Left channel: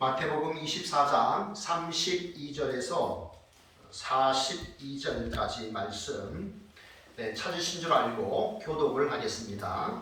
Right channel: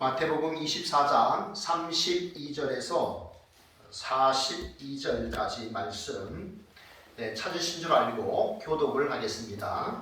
마태복음 24장 32절에서 42절까지 말씀 찾으신 줄 알고 교독을 하겠습니다.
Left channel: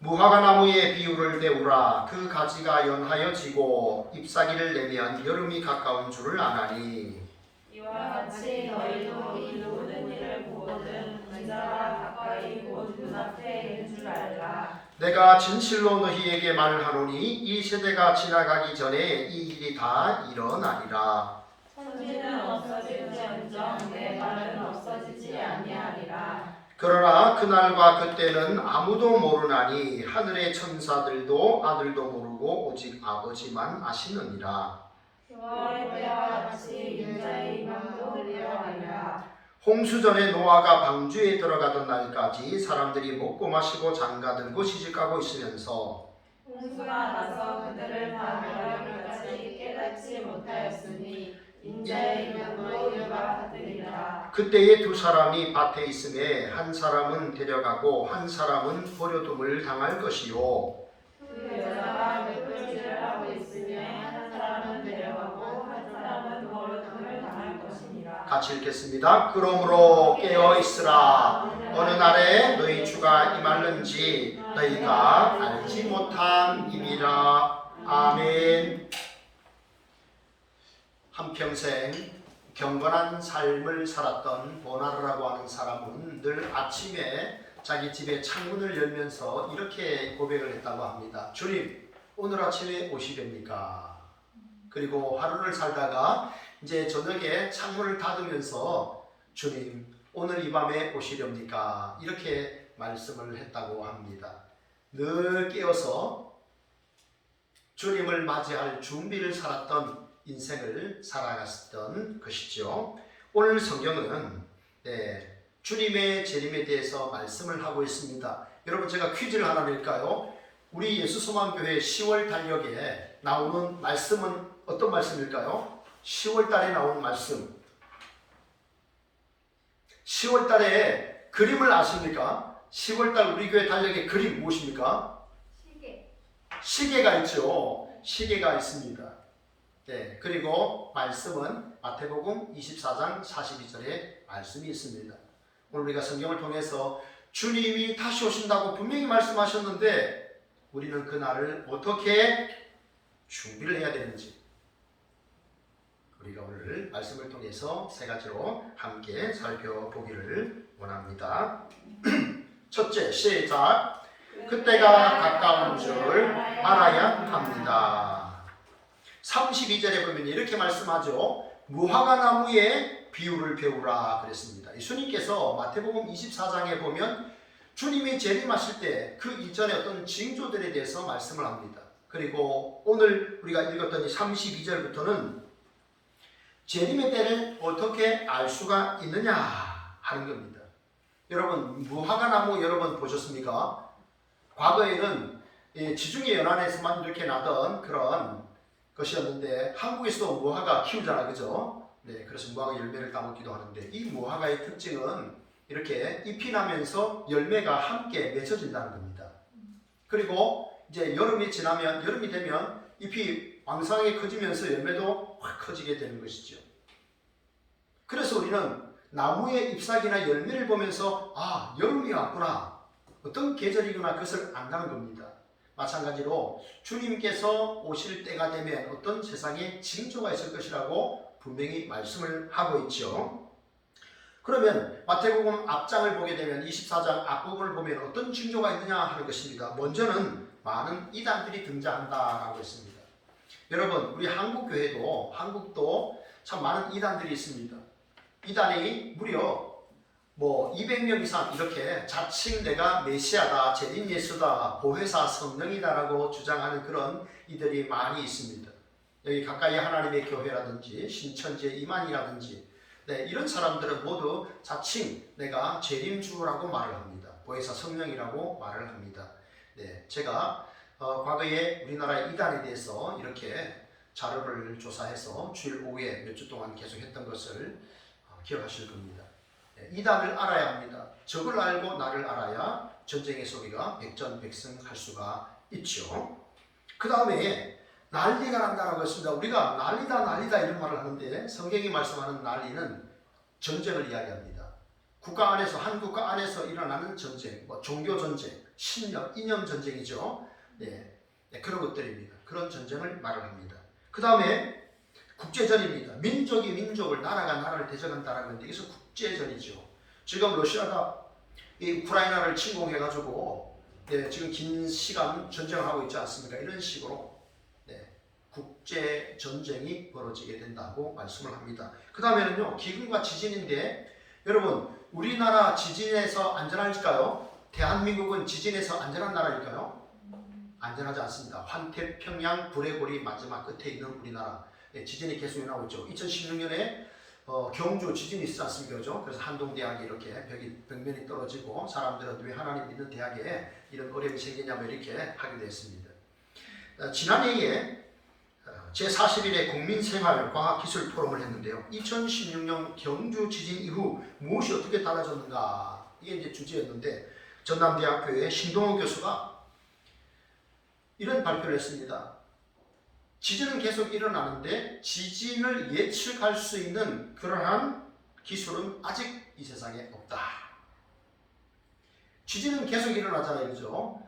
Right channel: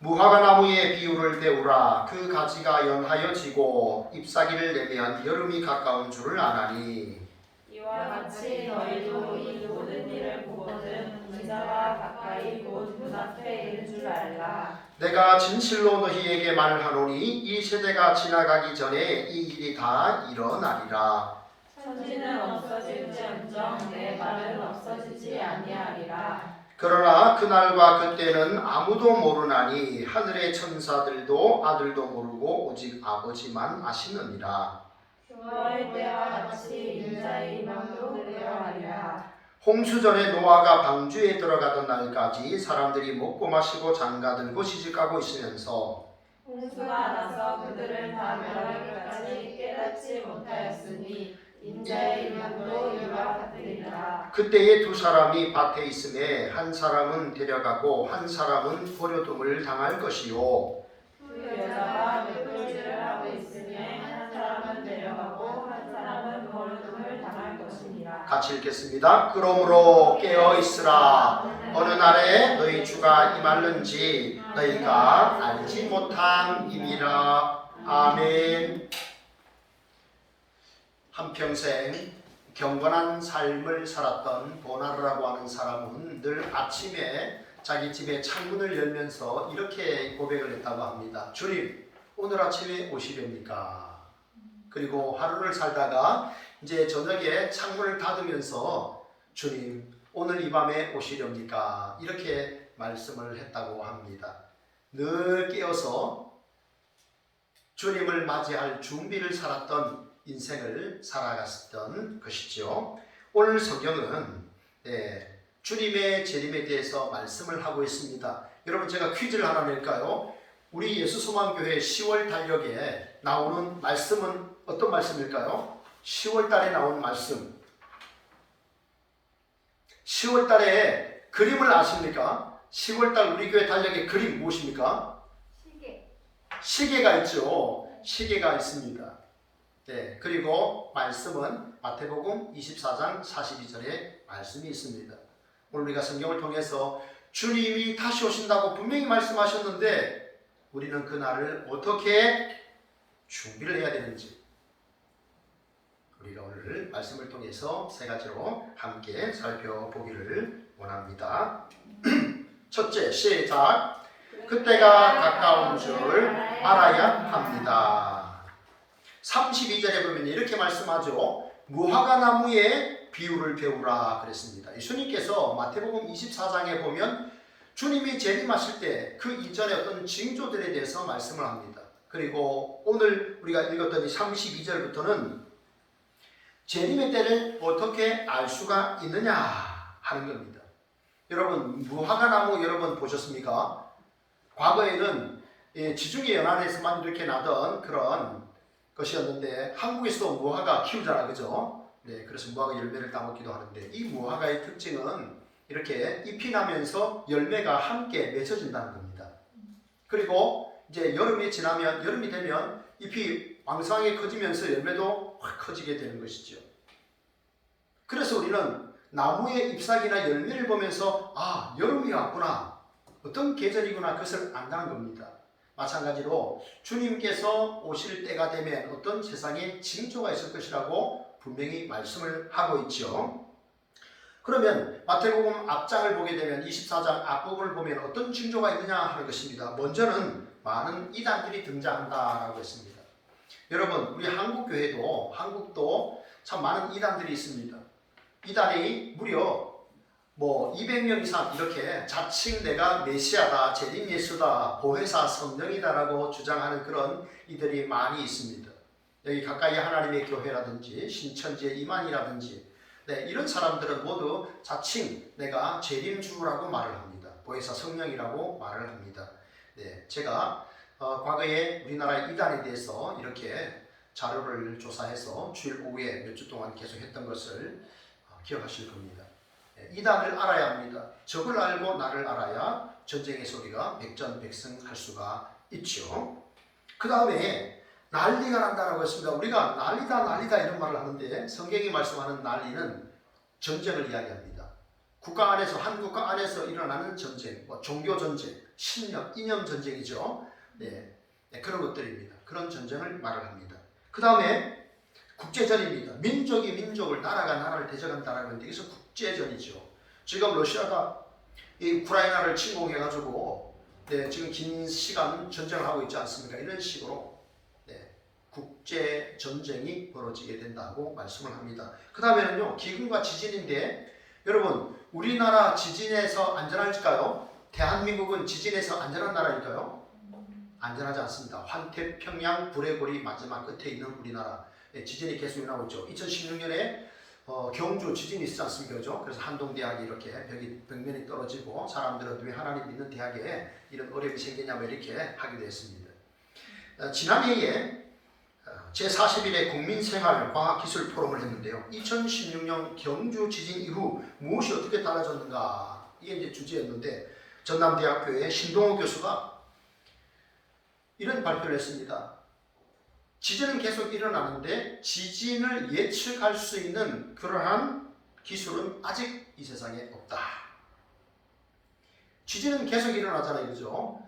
무화과 나무의 비유를 배우라. 그 가지가 연하여 지고 잎사귀를 내면 여름이 가까운 줄을 아나니 이와 같이 너희도 이 모든 일을 보거든 언제나 가까이 곧 눈앞에 있는 줄 알라. 내가 진실로 너희에게 말하노니 이 세대가 지나가기 전에 이 일이 다 일어나리라. 천지는 없어질지언정 내 말은 없어지지 아니하리라. 그러나 그날과 그때는 아무도 모르나니 하늘의 천사들도 아들도 모르고 오직 아버지만 아시느니라. 그와 때와 같이 인자의 임함도 들려하리라. 홍수전에 노아가 방주에 들어가던 날까지 사람들이 먹고 마시고 장가들고 시집가고 있으면서 홍수가 나서 그들을 다 멸하기까지 깨닫지 못하였으니 인자의 임함도 이와 같으리라. 그때에 두 사람이 밭에 있음에 한 사람은 데려가고 한 사람은 버려둠을 당할 것이요 두 여자가 몇 하고 있으며 한 사람은 내려가고 한 사람은 버려둠을 당할 것이니라. 같이 읽겠습니다. 그러므로 깨어있으라. 어느 날에 너희 주가 임할는지 너희가 알지 못함이니라. 아멘. 한평생 경건한 삶을 살았던 보나르라고 하는 사람은 늘 아침에 자기 집의 창문을 열면서 이렇게 고백을 했다고 합니다. 주님, 오늘 아침에 오시렵니까? 그리고 하루를 살다가 이제 저녁에 창문을 닫으면서 주님, 오늘 이 밤에 오시렵니까? 이렇게 말씀을 했다고 합니다. 늘 깨어서 주님을 맞이할 준비를 살았던 인생을 살아갔던 것이죠. 오늘 성경은 주님의 재림에 대해서 말씀을 하고 있습니다. 여러분, 제가 퀴즈를 하나 낼까요? 우리 예수소망교회 10월 달력에 나오는 말씀은 어떤 말씀일까요? 10월 달에 나온 말씀. 10월 달에 그림을 아십니까? 10월 달 우리 교회 달력의 그림 무엇입니까? 시계가 있죠. 시계가 있습니다. 네, 그리고 말씀은 마태복음 24장 42절에 말씀이 있습니다. 오늘 우리가 성경을 통해서 주님이 다시 오신다고 분명히 말씀하셨는데 우리는 그날을 어떻게 준비를 해야 되는지 우리가 오늘 말씀을 통해서 세 가지로 함께 살펴보기를 원합니다. 첫째, 시작. 그때가 가까운 줄 알아야 합니다. 32절에 보면 이렇게 말씀하죠. 무화과 나무의 비유를 배우라 그랬습니다. 예수님께서 마태복음 24장에 보면 주님이 재림하실 때 그 이전에 어떤 징조들에 대해서 말씀을 합니다. 그리고 오늘 우리가 읽었던 이 32절부터는 재림의 때를 어떻게 알 수가 있느냐 하는 겁니다. 여러분, 무화과 나무 여러분 보셨습니까? 과거에는 지중해 연안에서만 이렇게 나던 그런 것이었는데 한국에서도 무화과 키우잖아, 그죠? 네, 그래서 무화과 열매를 따먹기도 하는데 이 무화과의 특징은 이렇게 잎이 나면서 열매가 함께 맺혀진다는 겁니다. 그리고 이제 여름이 되면 잎이 왕성하게 커지면서 열매도 확 커지게 되는 것이죠. 그래서 우리는 나무의 잎사귀나 열매를 보면서 여름이 왔구나, 어떤 계절이구나 그것을 안다는 겁니다. 마찬가지로 주님께서 오실 때가 되면 어떤 세상에 징조가 있을 것이라고 분명히 말씀을 하고 있죠. 그러면 마태복음 앞장을 보게 되면 24장 앞부분을 보면 어떤 징조가 있느냐 하는 것입니다. 먼저는 많은 이단들이 등장한다라고 했습니다. 여러분, 우리 한국도 참 많은 이단들이 있습니다. 이단이 무려 200명 이상 이렇게 자칭 내가 메시아다, 재림 예수다, 보혜사 성령이다라고 주장하는 그런 이들이 많이 있습니다. 여기 가까이 하나님의 교회라든지 신천지의 이만이라든지 이런 사람들은 모두 자칭 내가 재림주라고 말을 합니다. 보혜사 성령이라고 말을 합니다. 제가 과거에 우리나라 이단에 대해서 이렇게 자료를 조사해서 주일 오후에 몇 주 동안 계속 했던 것을 기억하실 겁니다. 이단을 알아야 합니다. 적을 알고 나를 알아야 전쟁의 소리가 백전백승할 수가 있죠. 그 다음에 난리가 난다라고 했습니다. 우리가 난리다 이런 말을 하는데 성경이 말씀하는 난리는 전쟁을 이야기합니다. 국가 안에서 한 국가 안에서 일어나는 전쟁, 뭐 종교 전쟁, 신념, 이념 전쟁이죠. 네, 그런 것들입니다. 그런 전쟁을 말을 합니다. 그 다음에 국제전입니다. 민족이 민족을, 나라가 나라를 대적한다라는 건데 이것은 국제전이죠. 지금 러시아가 이 우크라이나를 침공해가지고 지금 긴 시간 전쟁을 하고 있지 않습니까? 이런 식으로 국제 전쟁이 벌어지게 된다고 말씀을 합니다. 그 다음에는요, 기근과 지진인데 여러분, 우리나라 지진에서 안전할까요? 대한민국은 지진에서 안전한 나라일까요? 안전하지 않습니다. 환태평양 불의 고리 마지막 끝에 있는 우리나라, 지진이 계속 일어나고 있죠. 2016년에 경주 지진이 있지 않습니까? 그죠? 그래서 한동대학이 이렇게 벽면이 떨어지고 사람들은 왜 하나님 믿는 대학에 이런 어려움이 생기냐면 이렇게 하기도 했습니다. 지난해에 제41회 국민생활과학기술 포럼을 했는데요. 2016년 경주 지진 이후 무엇이 어떻게 달라졌는가? 이게 이제 주제였는데 전남대학교의 신동호 교수가 이런 발표를 했습니다. 지진은 계속 일어나는데 지진을 예측할 수 있는 그러한 기술은 아직 이 세상에 없다. 지진은 계속 일어나잖아요. 그죠?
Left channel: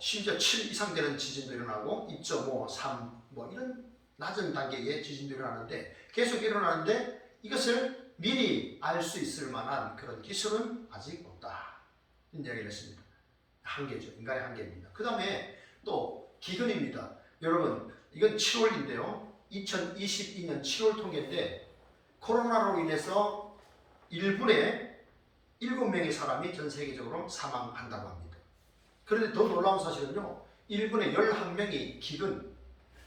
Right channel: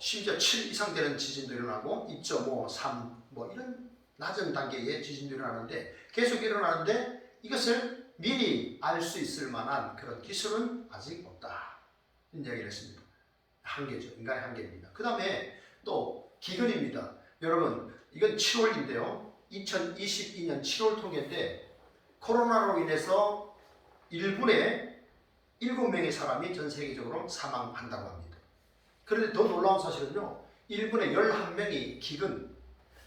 심지어 7 이상 되는 지진도 일어나고 2.5, 3 이런 낮은 단계의 지진도 일어나는데 계속 일어나는데 이것을 미리 알 수 있을 만한 그런 기술은 아직 없다. 이런 이야기를 했습니다. 한계죠. 인간의 한계입니다. 그 다음에 또 기근입니다. 여러분, 이건 7월인데요. 2022년 7월 통계 때 코로나로 인해서 1분에 7명의 사람이 전 세계적으로 사망한다고 합니다. 그런데 더 놀라운 사실은요. 1분에 11명이 기근,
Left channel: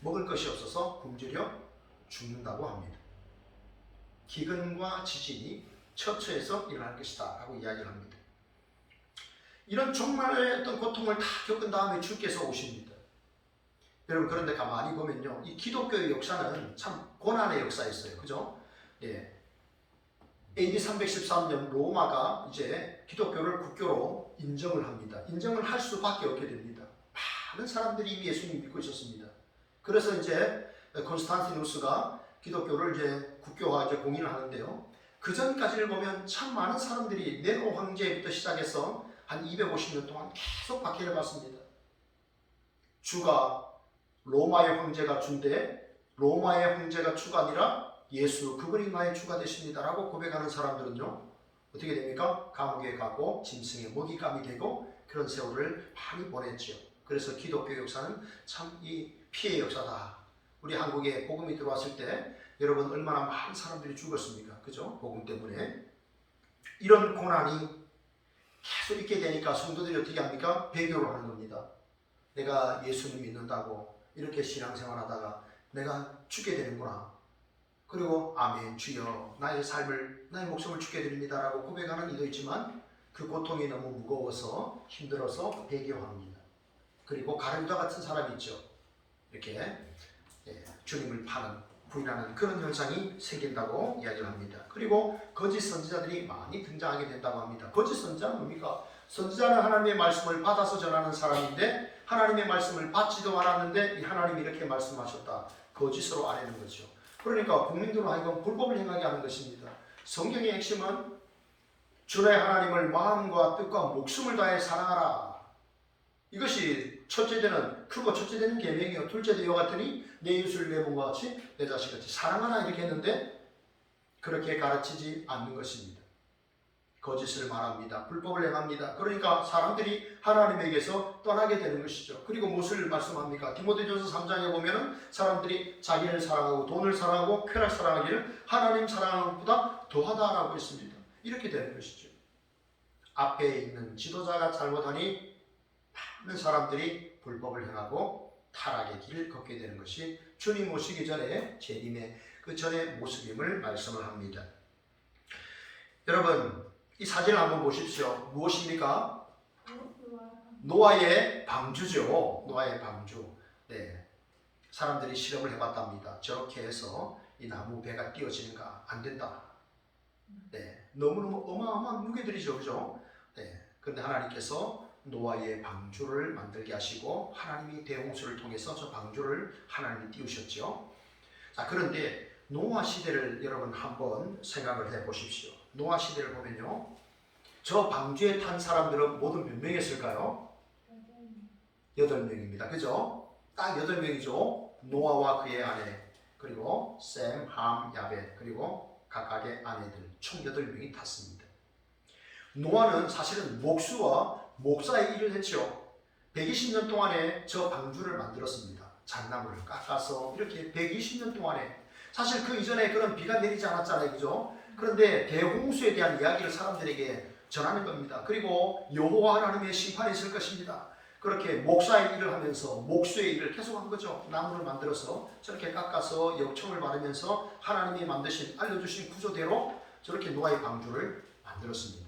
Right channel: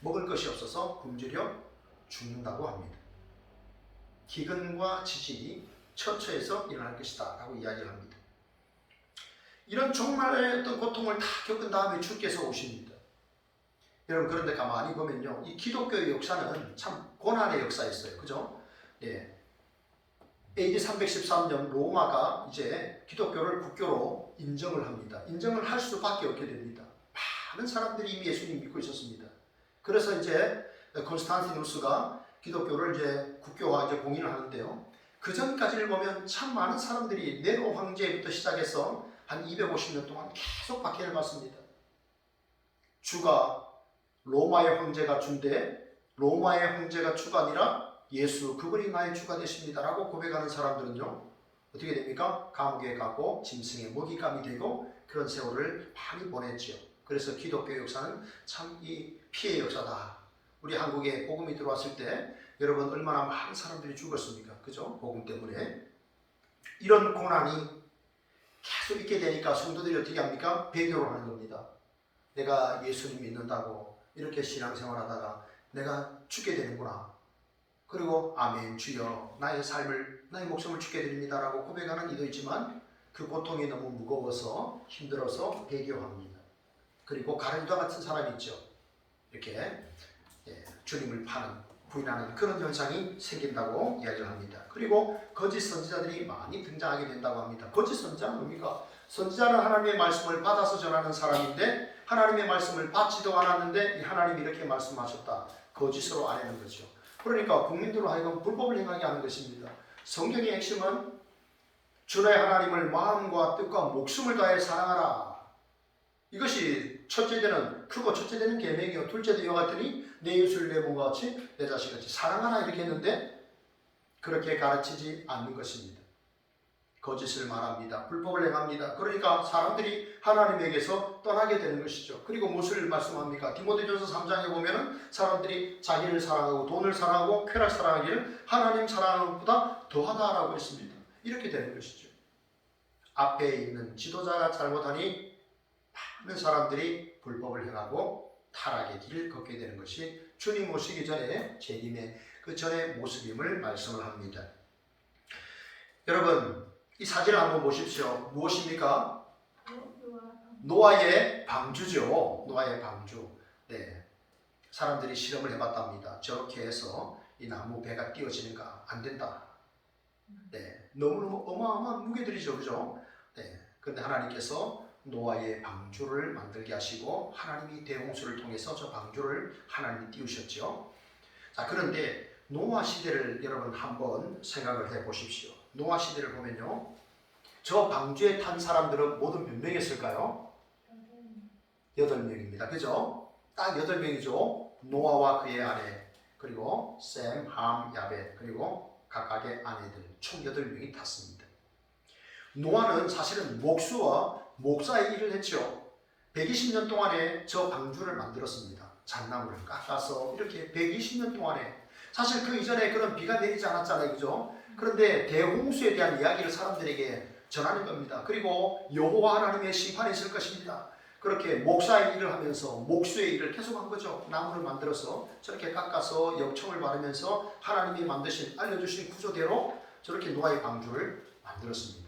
먹을 것이 없어서 굶주려 죽는다고 합니다. 기근과 지진이 처처해서 일어날 것이다 라고 이야기를 합니다. 이런 종말의 어떤 고통을 다 겪은 다음에 주께서 오십니다. 여러분, 그런데 가만히 보면요, 이 기독교의 역사는 참 고난의 역사였어요. 그죠? AD 313년 로마가 이제 기독교를 국교로 인정을 합니다. 인정을 할 수밖에 없게 됩니다. 많은 사람들이 이미 예수님 믿고 있었습니다. 그래서 이제 콘스탄티누스가 기독교를 이제 국교화 이제 공인을 하는데요. 그 전까지를 보면 참 많은 사람들이 네로 황제부터 시작해서 한 250년 동안 계속 박해를 받습니다. 주가 로마의 황제가 주인데 로마의 황제가 주가 아니라 예수 그분이 나의 주가 되십니다 라고 고백하는 사람들은요 어떻게 됩니까? 감옥에 가고 짐승의 먹잇감이 되고 그런 세월을 많이 보냈죠. 그래서 기독교 역사는 참 이 피해 역사다. 우리 한국에 복음이 들어왔을 때 여러분 얼마나 많은 사람들이 죽었습니까? 그죠? 복음 때문에. 이런 고난이 계속 있게 되니까 성도들이 어떻게 합니까? 배교를 하는 겁니다. 내가 예수님 믿는다고 이렇게 신앙생활하다가 내가 죽게 되는구나. 그리고 아멘 주여 나의 삶을 나의 목숨을 죽게 드립니다 라고 고백하는 이도 있지만 그 고통이 너무 무거워서 힘들어서 배교합니다. 그리고 가룟유다 같은 사람이 있죠. 이렇게 주님을 파는 부인하는 그런 현상이 생긴다고 이야기를 합니다. 그리고 거짓 선지자들이 많이 등장하게 된다고 합니다. 거짓 선지자는 뭡니까? 선지자는 하나님의 말씀을 받아서 전하는 사람인데 하나님의 말씀을 받지도 않았는데 하나님이 이렇게 말씀하셨다. 거짓으로 아내는 거죠. 그러니까 국민들로 하여금 불법을 행하게 하는 것입니다. 성경의 핵심은 주의 하나님을 마음과 뜻과 목숨을 다해 사랑하라. 이것이 첫째 되는 크고 첫째 되는 계명이요. 둘째 되어 같으니 내 이웃을 내 몸과 같이 내 자식같이 사랑하라 이렇게 했는데 그렇게 가르치지 않는 것입니다. 거짓을 말합니다. 불법을 행합니다. 그러니까 사람들이 하나님에게서 떠나게 되는 것이죠. 그리고 무엇을 말씀합니까? 디모데전서 3장에 보면은 사람들이 자기를 사랑하고 돈을 사랑하고 쾌락을 사랑하기를 하나님 사랑하는 것보다 더하다라고 했습니다. 이렇게 되는 것이죠. 앞에 있는 지도자가 잘못하니 많은 사람들이 불법을 행하고 타락의 길을 걷게 되는 것이 주님 오시기 전에 재림의 그 전의 모습임을 말씀을 합니다. 여러분, 이 사진을 한번 보십시오. 무엇입니까? 노아의 방주죠. 노아의 방주. 네, 사람들이 실험을 해봤답니다. 저렇게 해서 이 나무 배가 띄어지는가? 안 된다. 네, 너무 어마어마한 무게들이죠, 그죠? 네, 그런데 하나님께서 노아의 방주를 만들게 하시고 하나님이 대홍수를 통해서 저 방주를 하나님이 띄우셨죠. 자, 그런데 노아 시대를 여러분 한번 생각을 해 보십시오. 노아 시대를 보면요, 저 방주에 탄 사람들은 모두 몇 명이었을까요? 8명입니다. 그죠? 딱 8명이죠. 노아와 그의 아내, 그리고 셈, 함, 야벳, 그리고 각각의 아내들 총 8명이 탔습니다. 노아는 사실은 목수와 목사의 일을 했죠. 120년 동안에 저 방주를 만들었습니다. 잣나무를 깎아서 이렇게 120년 동안에, 사실 그 이전에 그런 비가 내리지 않았잖아요. 그죠? 그런데 대홍수에 대한 이야기를 사람들에게 전하는 겁니다. 그리고 여호와 하나님의 심판이 있을 것입니다. 그렇게 목사의 일을 하면서 목수의 일을 계속한 거죠. 나무를 만들어서 저렇게 깎아서 역청을 바르면서 하나님이 만드신, 알려주신 구조대로 저렇게 노아의 방주를 만들었습니다.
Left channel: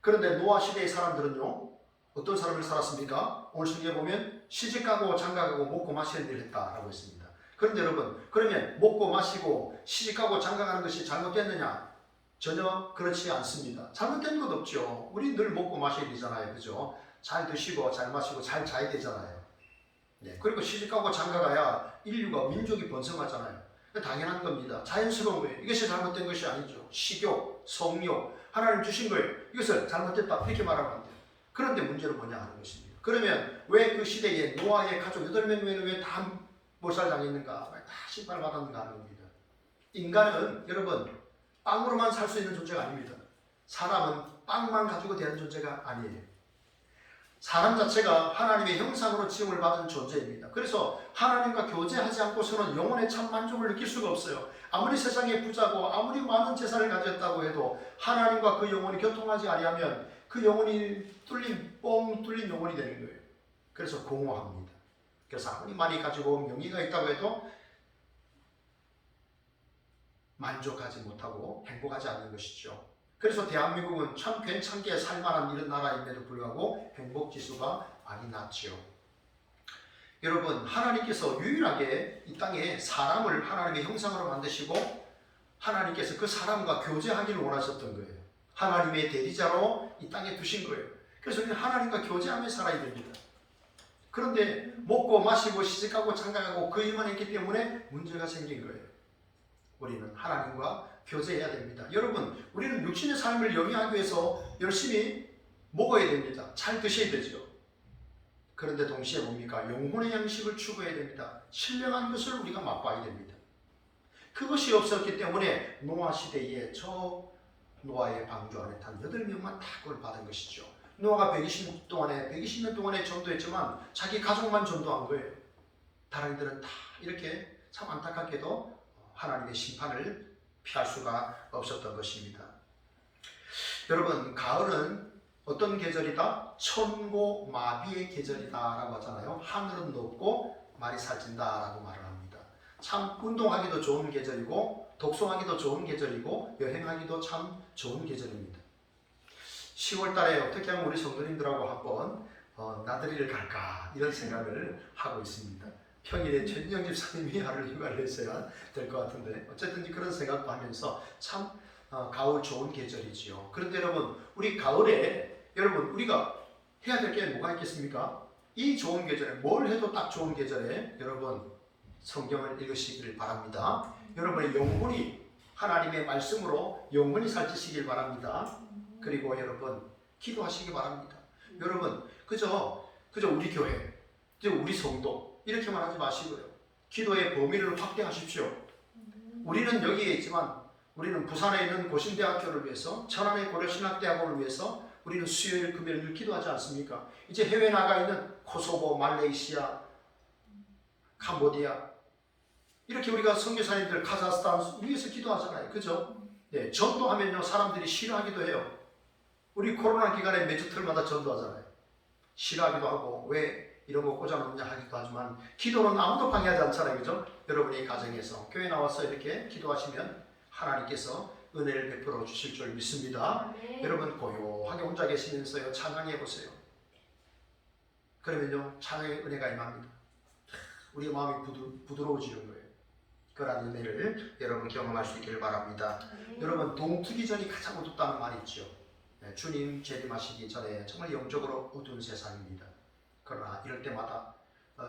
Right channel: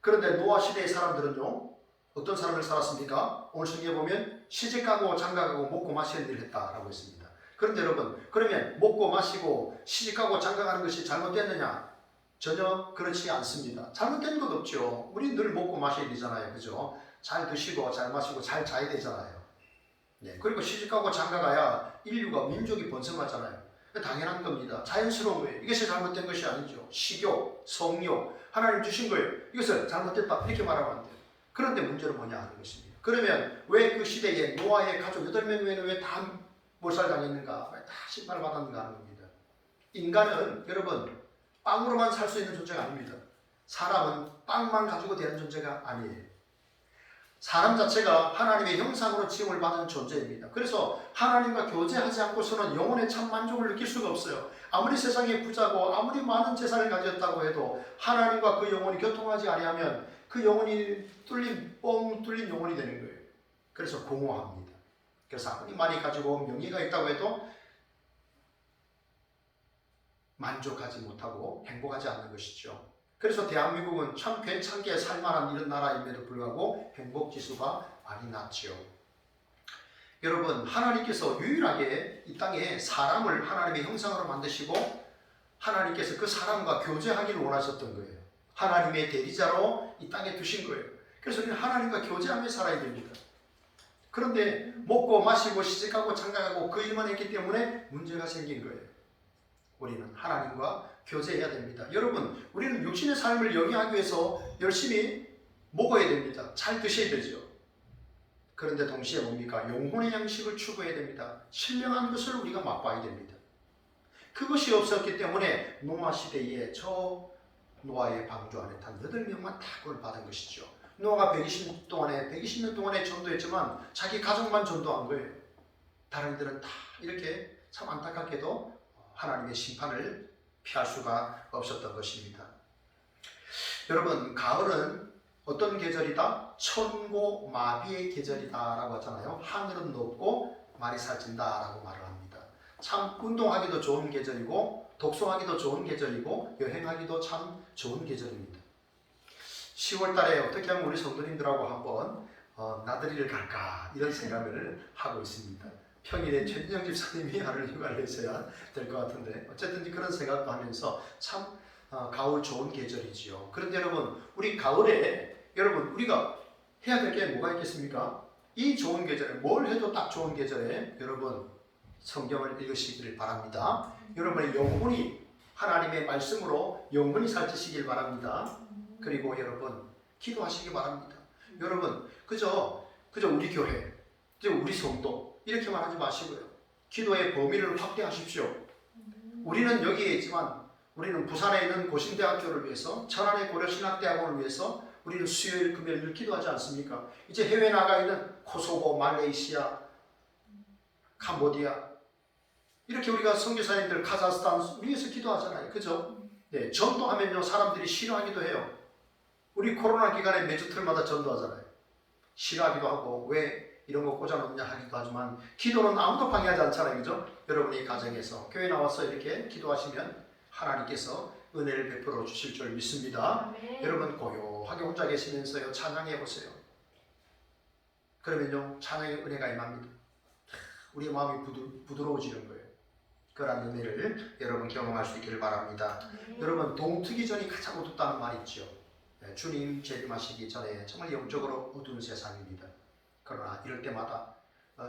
그런데 노아 시대의 사람들은요, 어떤 삶을 살았습니까? 오늘 성경에 보면 시집가고 장가가고 먹고 마시는 일을 했다라고 했습니다. 그런데 여러분, 그러면 먹고 마시고 시집가고 장가가는 것이 잘못됐느냐? 전혀 그렇지 않습니다. 잘못된 것 없죠. 우리 늘 먹고 마셔야 되잖아요. 그죠? 잘 드시고 잘 마시고 잘 자야 되잖아요. 네. 그리고 시집가고 장가가야 인류가 민족이 번성하잖아요. 당연한 겁니다. 자연스러운 거예요. 이것이 잘못된 것이 아니죠. 식욕, 성욕, 하나님 주신 걸 이것을 잘못됐다 이렇게 말하면 안 돼요. 그런데 문제는 뭐냐 하는 것입니다. 그러면 왜 그 시대에 노아의 가족 8명은 왜 다 몰살당했는가? 다 심판을 받았는가 하는 겁니다. 인간은 여러분 빵으로만 살 수 있는 존재가 아닙니다. 사람은 빵만 가지고 되는 존재가 아니에요. 사람 자체가 하나님의 형상으로 지음을 받은 존재입니다. 그래서 하나님과 교제하지 않고서는 영혼의 참 만족을 느낄 수가 없어요. 아무리 세상에 부자고 아무리 많은 재산을 가졌다고 해도 하나님과 그 영혼이 교통하지 아니하면 그 영혼이 뻥 뚫린 영혼이 되는 거예요. 그래서 공허합니다. 그래서 아무리 많이 가지고 명예가 있다고 해도 만족하지 못하고 행복하지 않는 것이죠. 그래서 대한민국은 참 괜찮게 살만한 이런 나라임에도 불구하고 행복지수가 많이 낮죠. 여러분, 하나님께서 유일하게 이 땅에 사람을 하나님의 형상으로 만드시고 하나님께서 그 사람과 교제하기를 원하셨던 거예요. 하나님의 대리자로 이 땅에 두신 거예요. 그래서 우리는 하나님과 교제하며 살아야 됩니다. 그런데 먹고 마시고 시집가고 장가가고 그 일만 했기 때문에 문제가 생긴 거예요. 우리는 하나님과 교제해야 됩니다. 여러분, 우리는 육신의 삶을 영위하기 위해서 열심히 먹어야 됩니다. 잘 드셔야 되죠. 그런데 동시에 뭡니까? 영혼의 양식을 추구해야 됩니다. 신령한 것을 우리가 맛봐야 됩니다. 그것이 없었기 때문에 노아 시대에 저 노아의 방주 안에 탄 8명만 다 그걸 받은 것이죠. 노아가 120년 동안에 전도했지만 자기 가족만 전도한 거예요. 다른 이들은 다 이렇게 참 안타깝게도 하나님의 심판을 피할 수가 없었던 것입니다. 여러분, 가을은 어떤 계절이다? 천고마비의 계절이다 라고 하잖아요. 하늘은 높고 말이 살찐다 라고 말을 합니다. 참 운동하기도 좋은 계절이고 독서하기도 좋은 계절이고 여행하기도 참 좋은 계절입니다. 10월 달에 어떻게 하면 우리 성도님들하고 한번 나들이를 갈까 이런 생각을 하고 있습니다. 평일에 최진영 집사님이 하루 휴가를 내셔야 될 것 같은데 어쨌든 그런 생각도 하면서 참 가을 좋은 계절이지요. 그런데 여러분, 우리 가을에 여러분 우리가 해야 될 게 뭐가 있겠습니까? 이 좋은 계절에 뭘 해도 딱 좋은 계절에 여러분 성경을 읽으시기를 바랍니다. 여러분의 영혼이 하나님의 말씀으로 영혼이 살찌시길 바랍니다. 그리고 여러분 기도하시기 바랍니다. 여러분 그저 우리 교회, 그저 우리 성도 이렇게만 하지 마시고요. 기도의 범위를 확대하십시오. 우리는 여기에 있지만 우리는 부산에 있는 고신대학교를 위해서, 천안의 고려신학대학원을 위해서 우리는 수요일, 금요일 늘 기도하지 않습니까? 이제 해외 나가 있는 코소보, 말레이시아, 캄보디아 이렇게 우리가 선교사님들 카자흐스탄 위해서 기도하잖아요. 그죠? 네, 전도하면요 사람들이 싫어하기도 해요. 우리 코로나 기간에 매주 틀마다 전도하잖아요. 싫어하기도 하고 왜 이런 거 꽂아놓냐 하기도 하지만 기도는 아무도 방해하지 않잖아요. 그죠? 여러분의 가정에서 교회 나와서 이렇게 기도하시면 하나님께서 은혜를 베풀어 주실 줄 믿습니다. 네. 여러분 고요하게 혼자 계시면서요 찬양해 보세요. 그러면요 찬양의 은혜가 임합니다. 우리 마음이 부드러워지는 거예요. 그런 은혜를 여러분 경험할 수 있기를 바랍니다. 네. 여러분 동트기 전이 가장 어둡다는 말이 있죠. 주님 재림하시기 전에 정말 영적으로 어두운 세상입니다. 그러나 이럴 때마다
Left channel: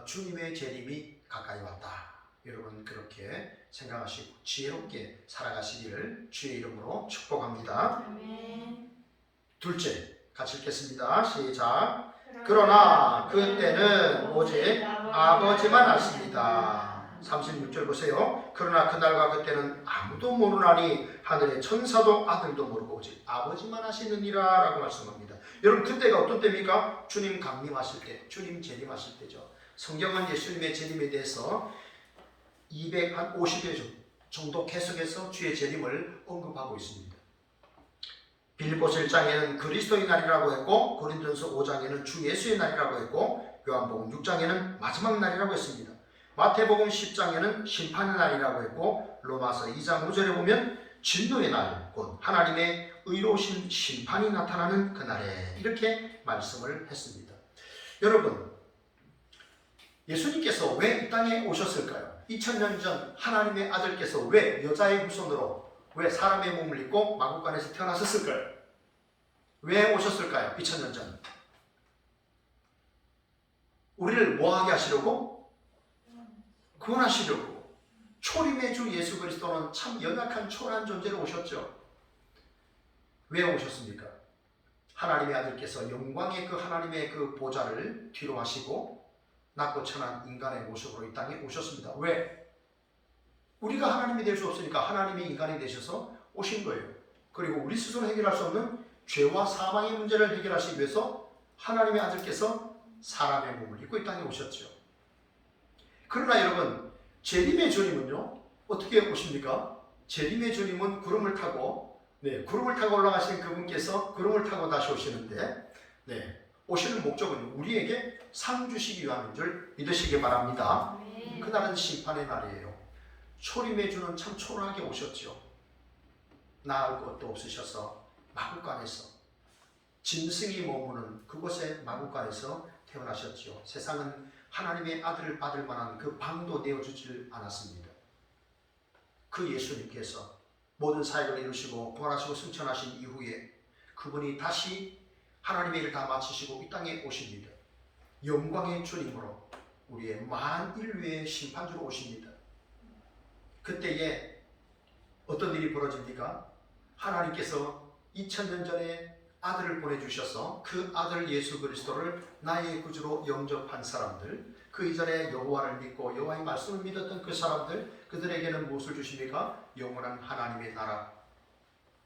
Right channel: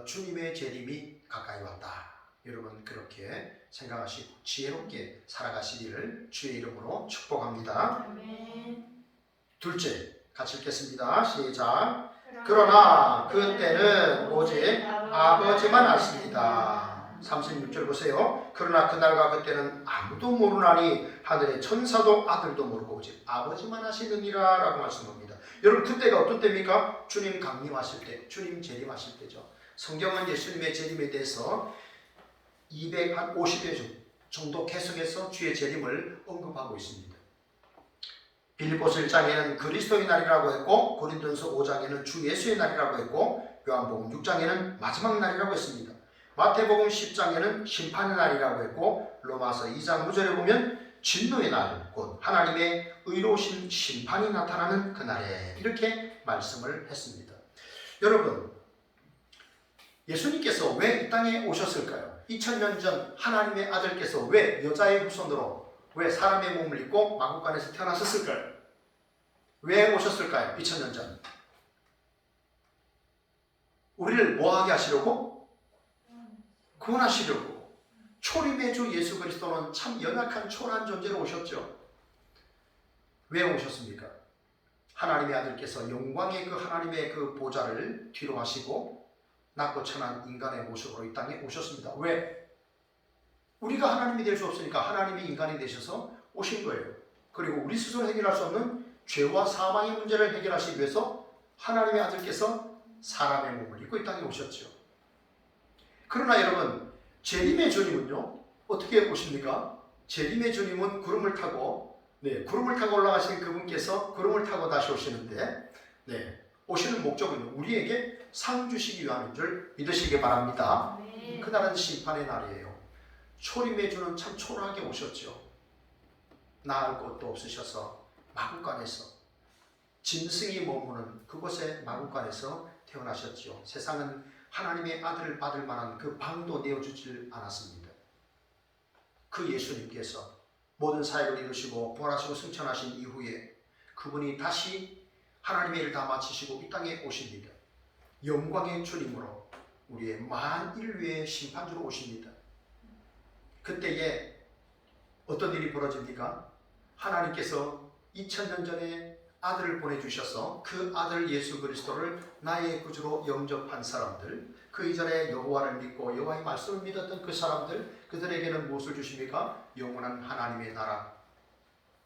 주님의 재림이 가까이 왔다. 여러분 그렇게 생각하시고 지혜롭게 살아가시기를 주의 이름으로 축복합니다. 아멘. 둘째, 같이 읽겠습니다. 시작. 그러나 그때는 오직 아버지만 아십니다. 36절 보세요. 그러나 그날과 그때는 아무도 모르나니 하늘의 천사도 아들도 모르고 오직 아버지만 아시느니라 라고 말씀합니다. 여러분 그때가 어떤 때입니까? 주님 강림하실 때, 주님 재림하실 때죠. 성경은 예수님의 재림에 대해서 250회 정도 계속해서 주의 재림을 언급하고 있습니다. 빌립보서 1장에는 그리스도의 날이라고 했고 고린도전서 5장에는 주 예수의 날이라고 했고 요한복음 6장에는 마지막 날이라고 했습니다. 마태복음 10장에는 심판의 날이라고 했고 로마서 2장 5절에 보면 진노의 날, 곧 하나님의 의로우신 심판이 나타나는 그날에 이렇게 말씀을 했습니다. 여러분 예수님께서 왜 이 땅에 오셨을까요? 2000년 전 하나님의 아들께서 왜 여자의 후손으로 왜 사람의 몸을 입고 마구간에서 태어나셨을까요? 왜 오셨을까요? 2000년 전 우리를 뭐하게 하시려고? 구원하시려고. 초림의 주 예수 그리스도는 참 연약한 초라한 존재로 오셨죠. 왜 오셨습니까? 하나님의 아들께서 영광의 그 하나님의 그 보좌를 뒤로 하시고 낮고 천한 인간의 모습으로 이 땅에 오셨습니다. 왜? 우리가 하나님이 될 수 없으니까 하나님이 인간이 되셔서 오신 거예요. 그리고 우리 스스로 해결할 수 없는 죄와 사망의 문제를 해결하시기 위해서 하나님의 아들께서 사람의 몸을 입고 이 땅에 오셨죠. 그러나 여러분 재림의 주님은요 어떻게 오십니까? 재림의 주님은 구름을 타고 올라가신 그분께서 구름을 타고 다시 오시는데 오시는 목적은 우리에게 상 주시기 위함인 줄 믿으시기 바랍니다. 그날은 심판의 날이에요. 초림의 주는 참 초라하게 오셨죠. 나을 것도 없으셔서 마구간에서 짐승이 머무는 그곳에 마구간에서 태어나셨죠. 세상은 하나님의 아들을 받을 만한 그 방도 내어주질 않았습니다. 그 예수님께서 모든 사역을 이루시고 부활하시고 승천하신 이후에 그분이 다시 하나님의 일을 다 마치시고 이 땅에 오십니다. 영광의 주님으로 우리의 만인류의 심판주로 오십니다. 그때에 어떤 일이 벌어집니까? 하나님께서 2000년 전에 아들을 보내주셔서 그 아들 예수 그리스도를 나의 구주로 영접한 사람들, 그 이전에 여호와를 믿고 여호와의 말씀을 믿었던 그 사람들, 그들에게는 무엇을 주십니까? 영원한 하나님의 나라,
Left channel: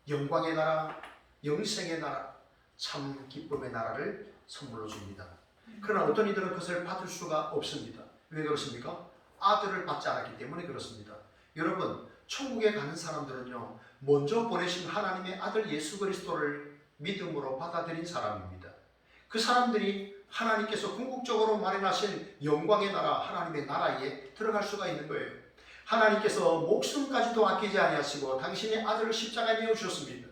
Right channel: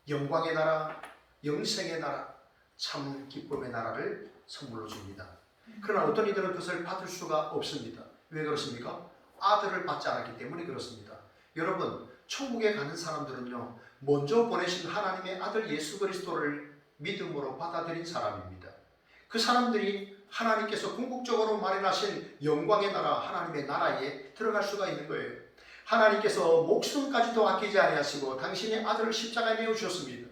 영광의 나라, 영생의 나라, 참 기쁨의 나라를 선물로 줍니다. 그러나 어떤 이들은 그것을 받을 수가 없습니다. 왜 그렇습니까? 아들을 받지 않았기 때문에 그렇습니다. 여러분, 천국에 가는 사람들은요, 먼저 보내신 하나님의 아들 예수 그리스도를 믿음으로 받아들인 사람입니다. 그 사람들이 하나님께서 궁극적으로 마련하신 영광의 나라, 하나님의 나라에 들어갈 수가 있는 거예요. 하나님께서 목숨까지도 아끼지 아니하시고 당신의 아들을 십자가에 내어주셨습니다.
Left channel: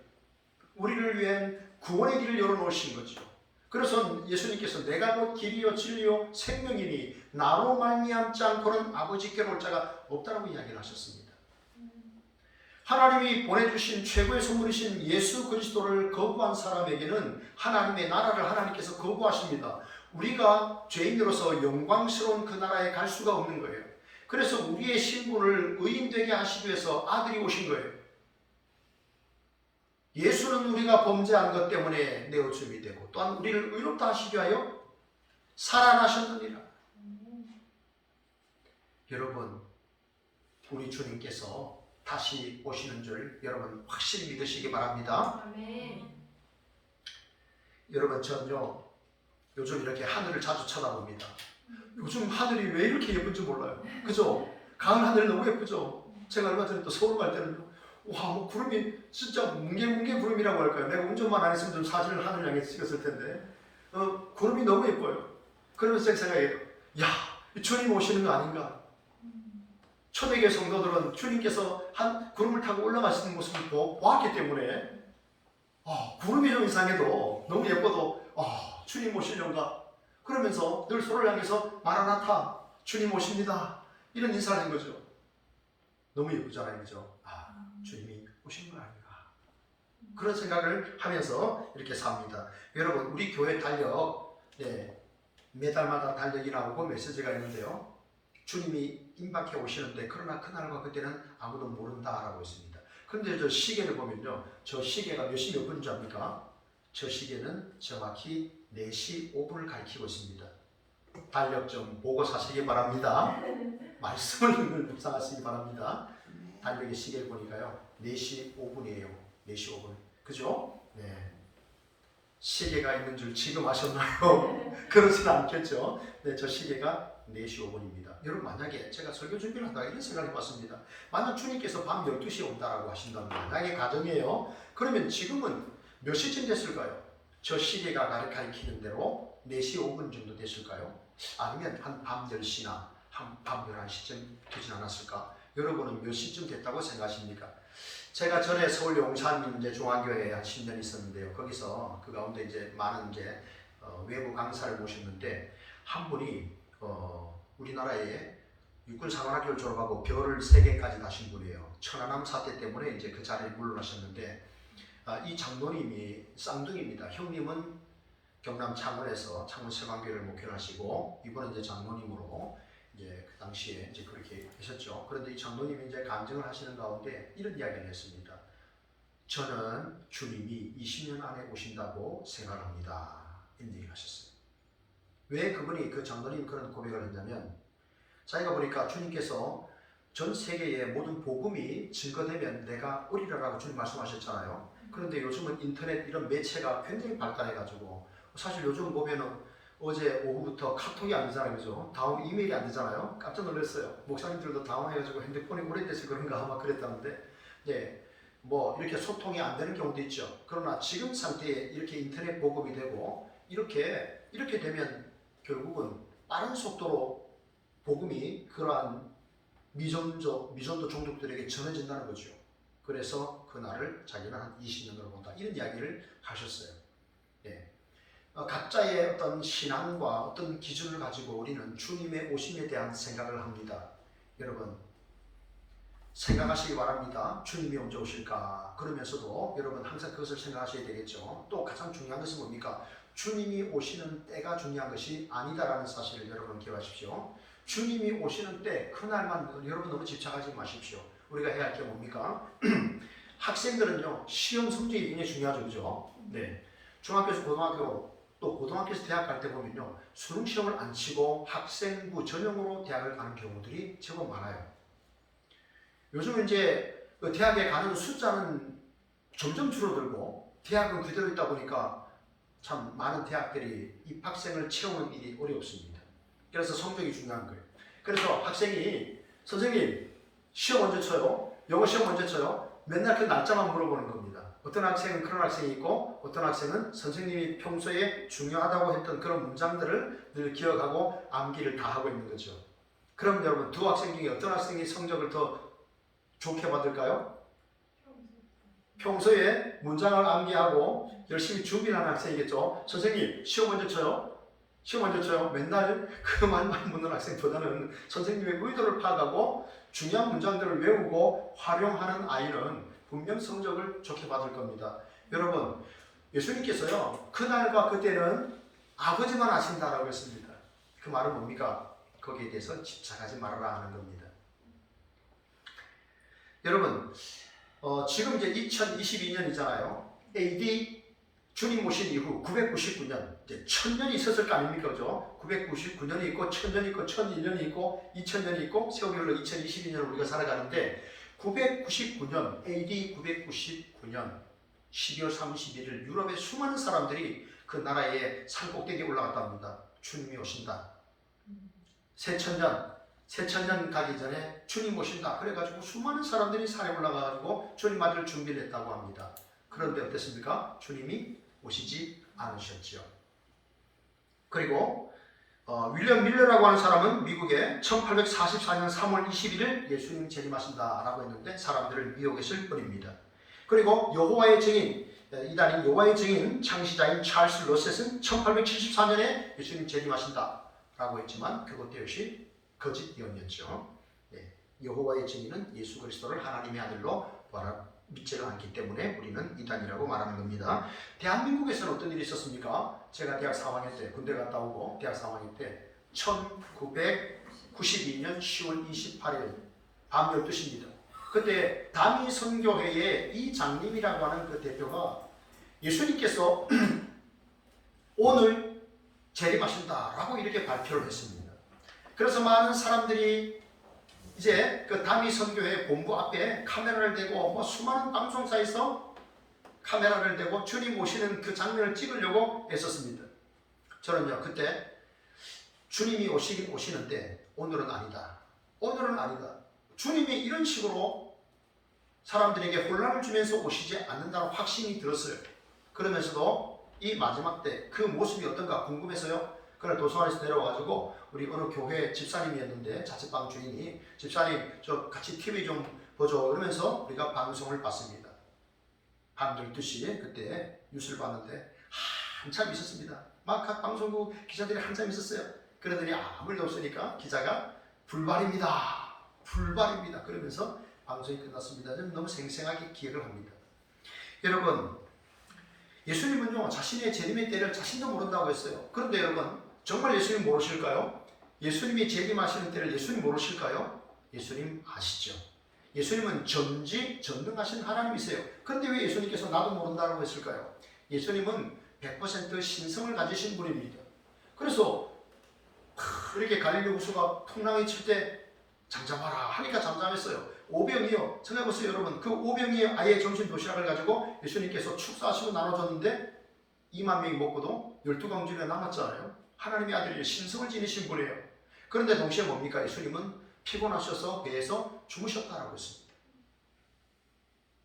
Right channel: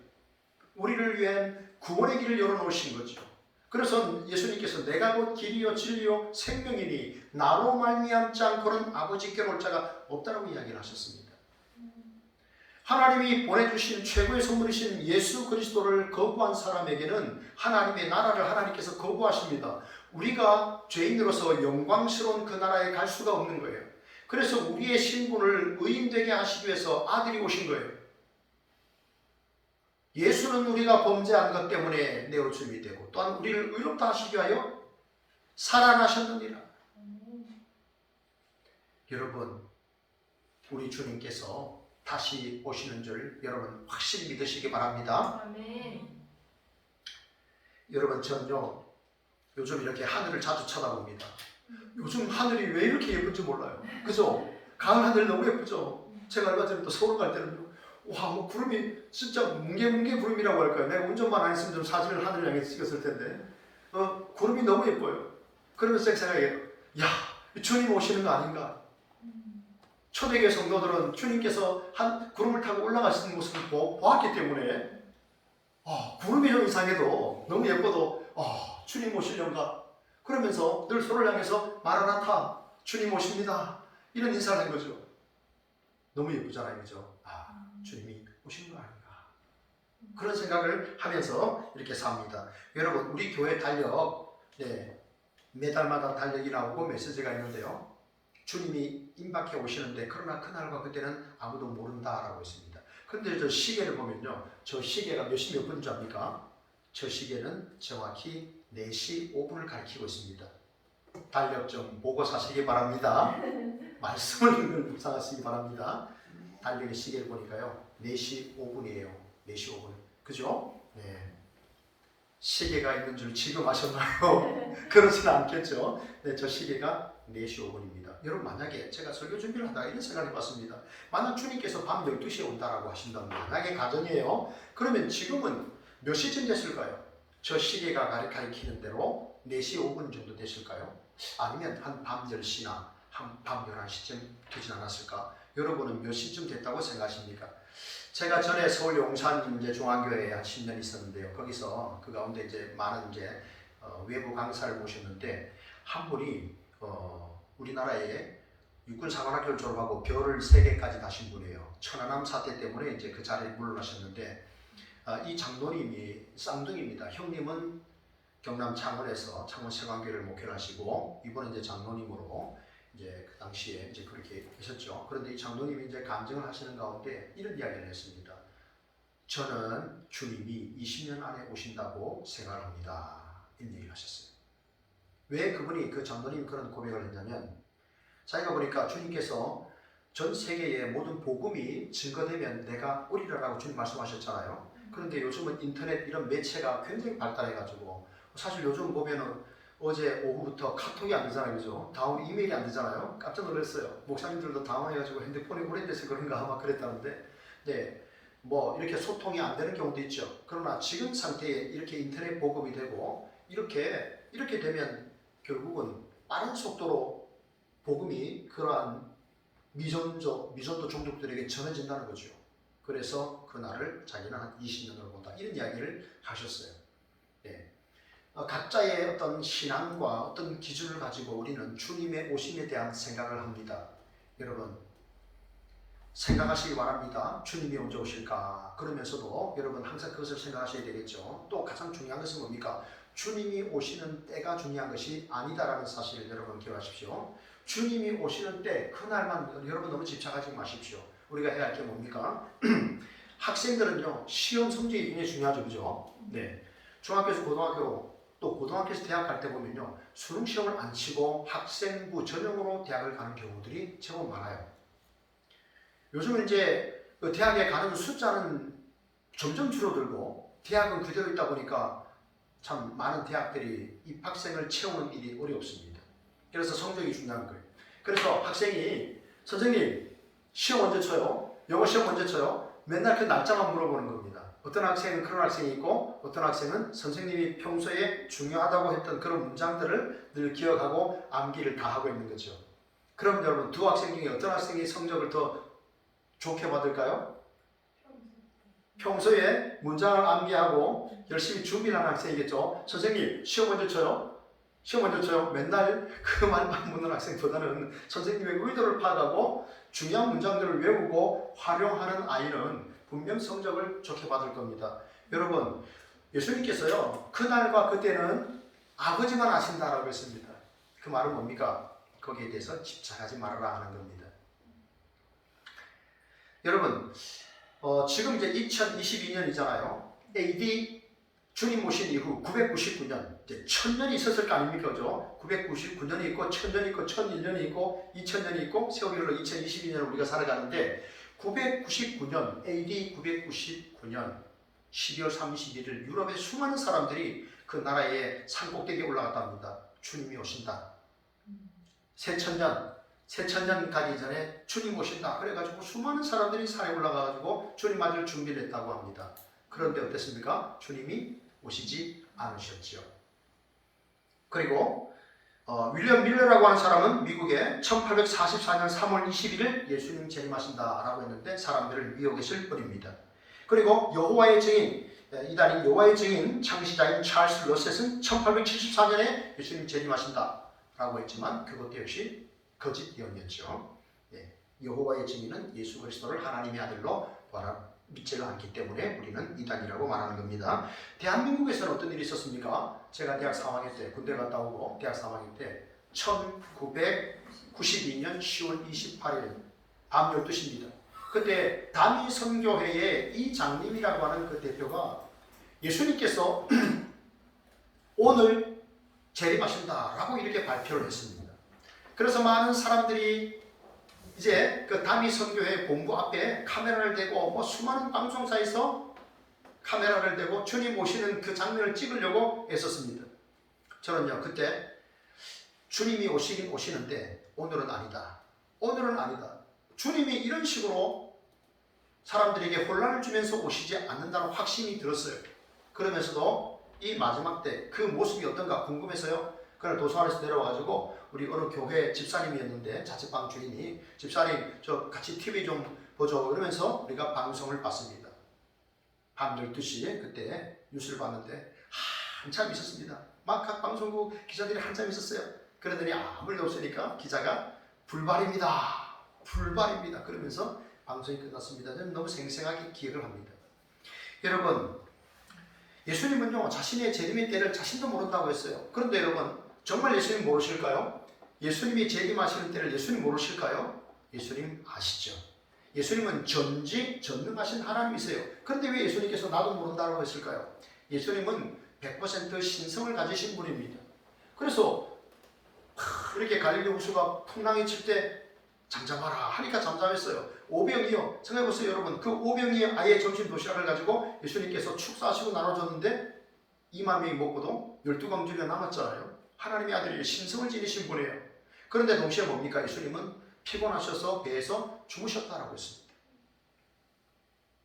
우리를 위한 구원의 길을 열어놓으신 거죠. 그래서 예수님께서 내가 곧 길이요 진리요 생명이니 나로 말미암지 않고는 아버지께로 올 자가 없다라고 이야기를 하셨습니다. 하나님이 보내주신 최고의 선물이신 예수 그리스도를 거부한 사람에게는 하나님의 나라를 하나님께서 거부하십니다. 우리가 죄인으로서 영광스러운 그 나라에 갈 수가 없는 거예요. 그래서 우리의 신분을 의인되게 하시기 위해서 아들이 오신 거예요. 예수는 우리가 범죄한 것 때문에 내어줌이 되고 또한 우리를 의롭다 하시기 위하여 살아나셨느니라. 여러분, 우리 주님께서 다시 오시는 줄 여러분 확실히 믿으시기 바랍니다. 아멘. 여러분, 저는요 요즘 이렇게 하늘을 자주 쳐다봅니다. 요즘 하늘이 왜 이렇게 예쁜지 몰라요. 그죠? 가을 하늘 너무 예쁘죠? 제가 얼마 전에 또 서울 갈 때는 와, 뭐 구름이 진짜 뭉게뭉게 구름이라고 할까요? 내가 운전만 안 했으면 좀 사진을 하늘 향해 찍었을 텐데 구름이 너무 예뻐요. 그러면서 제가 생각해요. 야, 주님 오시는 거 아닌가? 초대교회 성도들은 주님께서 한 구름을 타고 올라가시는 모습을 보았기 때문에 구름이 좀 이상해도 너무 예뻐도 주님 오시려는가? 그러면서 늘 서로를 향해서 마라나타, 주님 오십니다. 이런 인사를 한 거죠. 너무 예쁘잖아요. 그죠? 주님이 오시는 거 아닌가? 그런 생각을 하면서 이렇게 삽니다. 여러분, 우리 교회 달력, 매달마다 달력이 나오고 메시지가 있는데요. 주님이 임박해 오시는데 그러나 그날과 그때는 아무도 모른다라고 있습니다. 그런데 저 시계를 보면요. 저 시계가 몇 시 몇 분인 줄 압니까? 저 시계는 정확히 4시 5분을 가리키고 있습니다. 달력 좀 보고 사시기 바랍니다. 말씀을 묵상하시기 바랍니다. 달력의 시계를 보니까요. 4시 5분이에요. 4시 5분. 그죠? 네. 시계가 있는 줄 지금 아셨나요? 그렇진 않겠죠. 네, 저 시계가 4시 5분입니다. 여러분, 만약에 제가 설교 준비를 하다가 이런 생각을 해봤습니다. 만약 주님께서 밤 12시에 온다라고 하신다면, 만약에 가정이에요. 그러면 지금은 몇 시쯤 됐을까요? 저 시계가 가리키는 대로 4시 5분 정도 됐을까요? 아니면 한 밤 10시나 한 밤 11시쯤 되진 않았을까? 여러분은 몇 시쯤 됐다고 생각하십니까? 제가 전에 서울 용산 중앙교회에 한 10년 있었는데요. 거기서 그 가운데 이제 많은 외부 강사를 모셨는데 한 분이 우리나라에 육군사관학교를 졸업하고 별을 3개까지 다신 분이에요. 천안함 사태 때문에 이제 그 자리에 물러나셨는데 이 장로님이 쌍둥이입니다. 형님은 경남 창원에서 창원세관교회를 목회를 하시고 이번에 이제 장로님으로 이제 그 당시에 이제 그렇게 계셨죠. 그런데 이 장로님이 이제 간증을 하시는 가운데 이런 이야기를 했습니다. 저는 주님이 20년 안에 오신다고 생각합니다. 이런 얘기를 하셨어요. 왜 그분이 그 장로님 그런 고백을 했냐면 자기가 보니까 주님께서 전 세계의 모든 복음이 증거되면 내가 오리라라고 주님 말씀하셨잖아요. 그런데 요즘은 인터넷 이런 매체가 굉장히 발달해가지고 사실 요즘 보면은 어제 오후부터 카톡이 안 되잖아요. 그죠? 다음 이메일이 안 되잖아요. 깜짝 놀랐어요. 목사님들도 당황해가지고 핸드폰이 오래돼서 그런가 아마 그랬다는데 네, 뭐 이렇게 소통이 안 되는 경우도 있죠. 그러나 지금 상태에 이렇게 인터넷 보급이 되고 이렇게 되면 결국은 빠른 속도로 복음이 그러한 미전도 종족들에게 전해진다는 거죠. 그래서 그날을 자기는 한 20년으로 본다. 이런 이야기를 하셨어요. 네. 각자의 어떤 신앙과 어떤 기준을 가지고 우리는 주님의 오심에 대한 생각을 합니다. 여러분, 생각하시기 바랍니다. 주님이 언제 오실까? 그러면서도 여러분 항상 그것을 생각하셔야 되겠죠. 또 가장 중요한 것은 뭡니까? 주님이 오시는 때가 중요한 것이 아니다라는 사실을 여러분 기억하십시오. 주님이 오시는 때 그날만 여러분 너무 집착하지 마십시오. 우리가 해야 할 게 뭡니까? 학생들은요 시험 성적이 굉장히 중요하죠, 그죠? 네, 중학교에서 고등학교 또 고등학교에서 대학 갈 때 보면요 수능 시험을 안 치고 학생부 전형으로 대학을 가는 경우들이 제법 많아요. 요즘은 이제 그 대학에 가는 숫자는 점점 줄어들고 대학은 그대로 있다 보니까 참 많은 대학들이 입학생을 채우는 일이 어렵습니다. 그래서 성적이 중요한 거예요. 그래서 학생이 선생님 시험 언제 쳐요? 영어 시험 언제 쳐요? 맨날 그 날짜만 물어보는 겁니다. 어떤 학생은 그런 학생이 있고 어떤 학생은 선생님이 평소에 중요하다고 했던 그런 문장들을 늘 기억하고 암기를 다 하고 있는 거죠. 그럼 여러분 두 학생 중에 어떤 학생이 성적을 더 좋게 받을까요? 평소에 문장을 암기하고 열심히 준비하는 학생이겠죠. 선생님 시험 언제 쳐요? 시험 언제 쳐요? 맨날 그 말만 묻는 학생보다는 선생님의 의도를 파악하고 중요한 문장들을 외우고 활용하는 아이는 분명 성적을 좋게 받을 겁니다. 여러분 예수님께서요 그날과 그때는 아버지만 아신다라고 했습니다. 그 말은 뭡니까? 거기에 대해서 집착하지 말아라 하는 겁니다. 여러분 지금 이제 2022년이잖아요. AD 주님 오신 이후 999년, 이제 1000년이 있었을 거 아닙니까? 그죠? 999년이 있고, 1000년이 있고, 1001년이 있고, 2000년이 있고, 세월이 흘러 2022년을 우리가 살아가는데, 999년, AD 999년 12월 31일 유럽의 수많은 사람들이 그 나라의 산꼭대기에 올라갔다 합니다. 주님이 오신다. 새천년 가기 전에 주님 오신다. 그래가지고 수많은 사람들이 산에 올라가가지고 주님 맞을 준비를 했다고 합니다. 그런데 어땠습니까? 주님이 오시지 않으셨지요. 그리고 윌리엄 밀러라고 하는 사람은 미국에 1844년 3월 21일 예수님 재림하신다라고 했는데 사람들을 미혹했을 뿐입니다. 그리고 여호와의 증인, 이단인 여호와의 증인 창시자인 찰스 러셋은 1874년에 예수님 재림하신다라고 했지만 그것도 역시 거짓 예언이었죠. 네, 여호와의 증인은 예수 그리스도를 하나님의 아들로 믿지가 않기 때문에 우리는 이단이라고 말하는 겁니다. 대한민국에서는 어떤 일이 있었습니까? 제가 대학 3학년 때 군대 갔다 오고 대학 3학년 때 1992년 10월 28일 밤 12시입니다. 그때 담임선교회의 이장님이라고 하는 그 대표가 예수님께서 오늘 재림하신다라고 이렇게 발표를 했습니다. 그래서 많은 사람들이 이제 그 담임선교회 본부 앞에 카메라를 대고 수많은 방송사에서 카메라를 대고 주님 오시는 그 장면을 찍으려고 애썼습니다. 저는요 그때 주님이 오시는데 오늘은 아니다. 오늘은 아니다. 주님이 이런 식으로 사람들에게 혼란을 주면서 오시지 않는다는 확신이 들었어요. 그러면서도 이 마지막 때 그 모습이 어떤가 궁금해서요. 그날 도서관에서 내려와가지고 우리 어느 교회 집사님이었는데 자취방 주인이 집사님 저 같이 TV 좀 보죠 그러면서 우리가 방송을 봤습니다. 밤 12시에 그때 뉴스를 봤는데 한참 있었습니다. 막 각 방송국 기자들이 한참 있었어요. 그러더니 아무 일 없으니까 기자가 불발입니다. 불발입니다. 그러면서 방송이 끝났습니다. 저는 너무 생생하게 기억을 합니다. 여러분 예수님은요 자신의 재림의 때를 자신도 모른다고 했어요. 그런데 여러분 정말 예수님 모르실까요? 예수님이 재림하시는 때를 예수님 모르실까요? 예수님 아시죠. 예수님은 전지전능하신 하나님이세요. 그런데 왜 예수님께서 나도 모른다고 했을까요? 예수님은 100% 신성을 가지신 분입니다. 그래서 이렇게 갈릴리 호수가 풍랑이 칠 때 잠잠하라 하니까 잠잠했어요. 오병이요. 생각해보세요 여러분. 그 오병이의 아예 점심 도시락을 가지고 예수님께서 축사하시고 나눠줬는데 2만 명이 먹고도 12광주리가 남았잖아요. 하나님의 아들이 신성을 지니신 분이에요. 그런데 동시에 뭡니까? 예수님은 피곤하셔서 배에서 죽으셨다라고 했습니다.